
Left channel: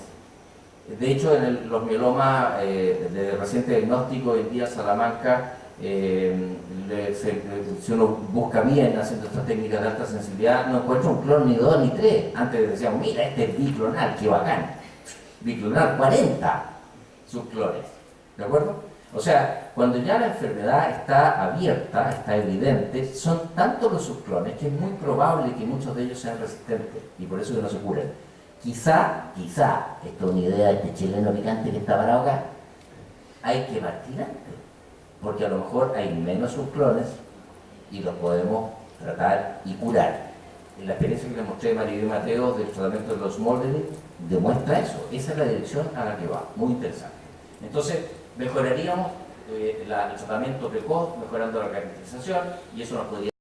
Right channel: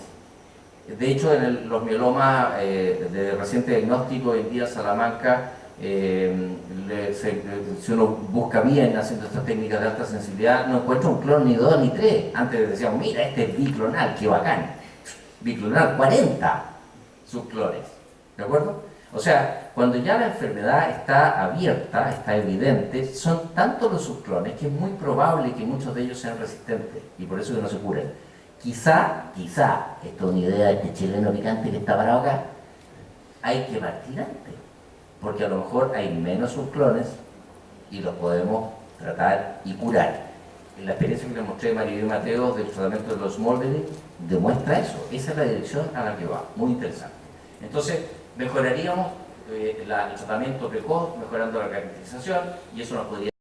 De hecho, en los mielomas de reciente diagnóstico en día Salamanca, si uno busca bien haciendo estas técnicas de alta sensibilidad, no encuentra un clon ni 2 ni 3. Antes decíamos, mira, este es biclonal, qué bacán. Biclonal, 40 subclones. ¿De acuerdo? O sea, cuando ya la enfermedad está abierta, está evidente, son tantos los subclones que es muy probable que muchos de ellos sean resistentes y por eso que no se curan. Quizá, esto es una idea de este chileno picante que está parado acá, hay que partir antes, porque a lo mejor hay menos subclones y los podemos tratar y curar. En la experiencia que les mostré de Mariví Mateos del tratamiento de los smoldering demuestra eso, esa es la dirección a la que va, muy interesante. Entonces, mejoraríamos el tratamiento precoz, mejorando la caracterización, y eso nos podría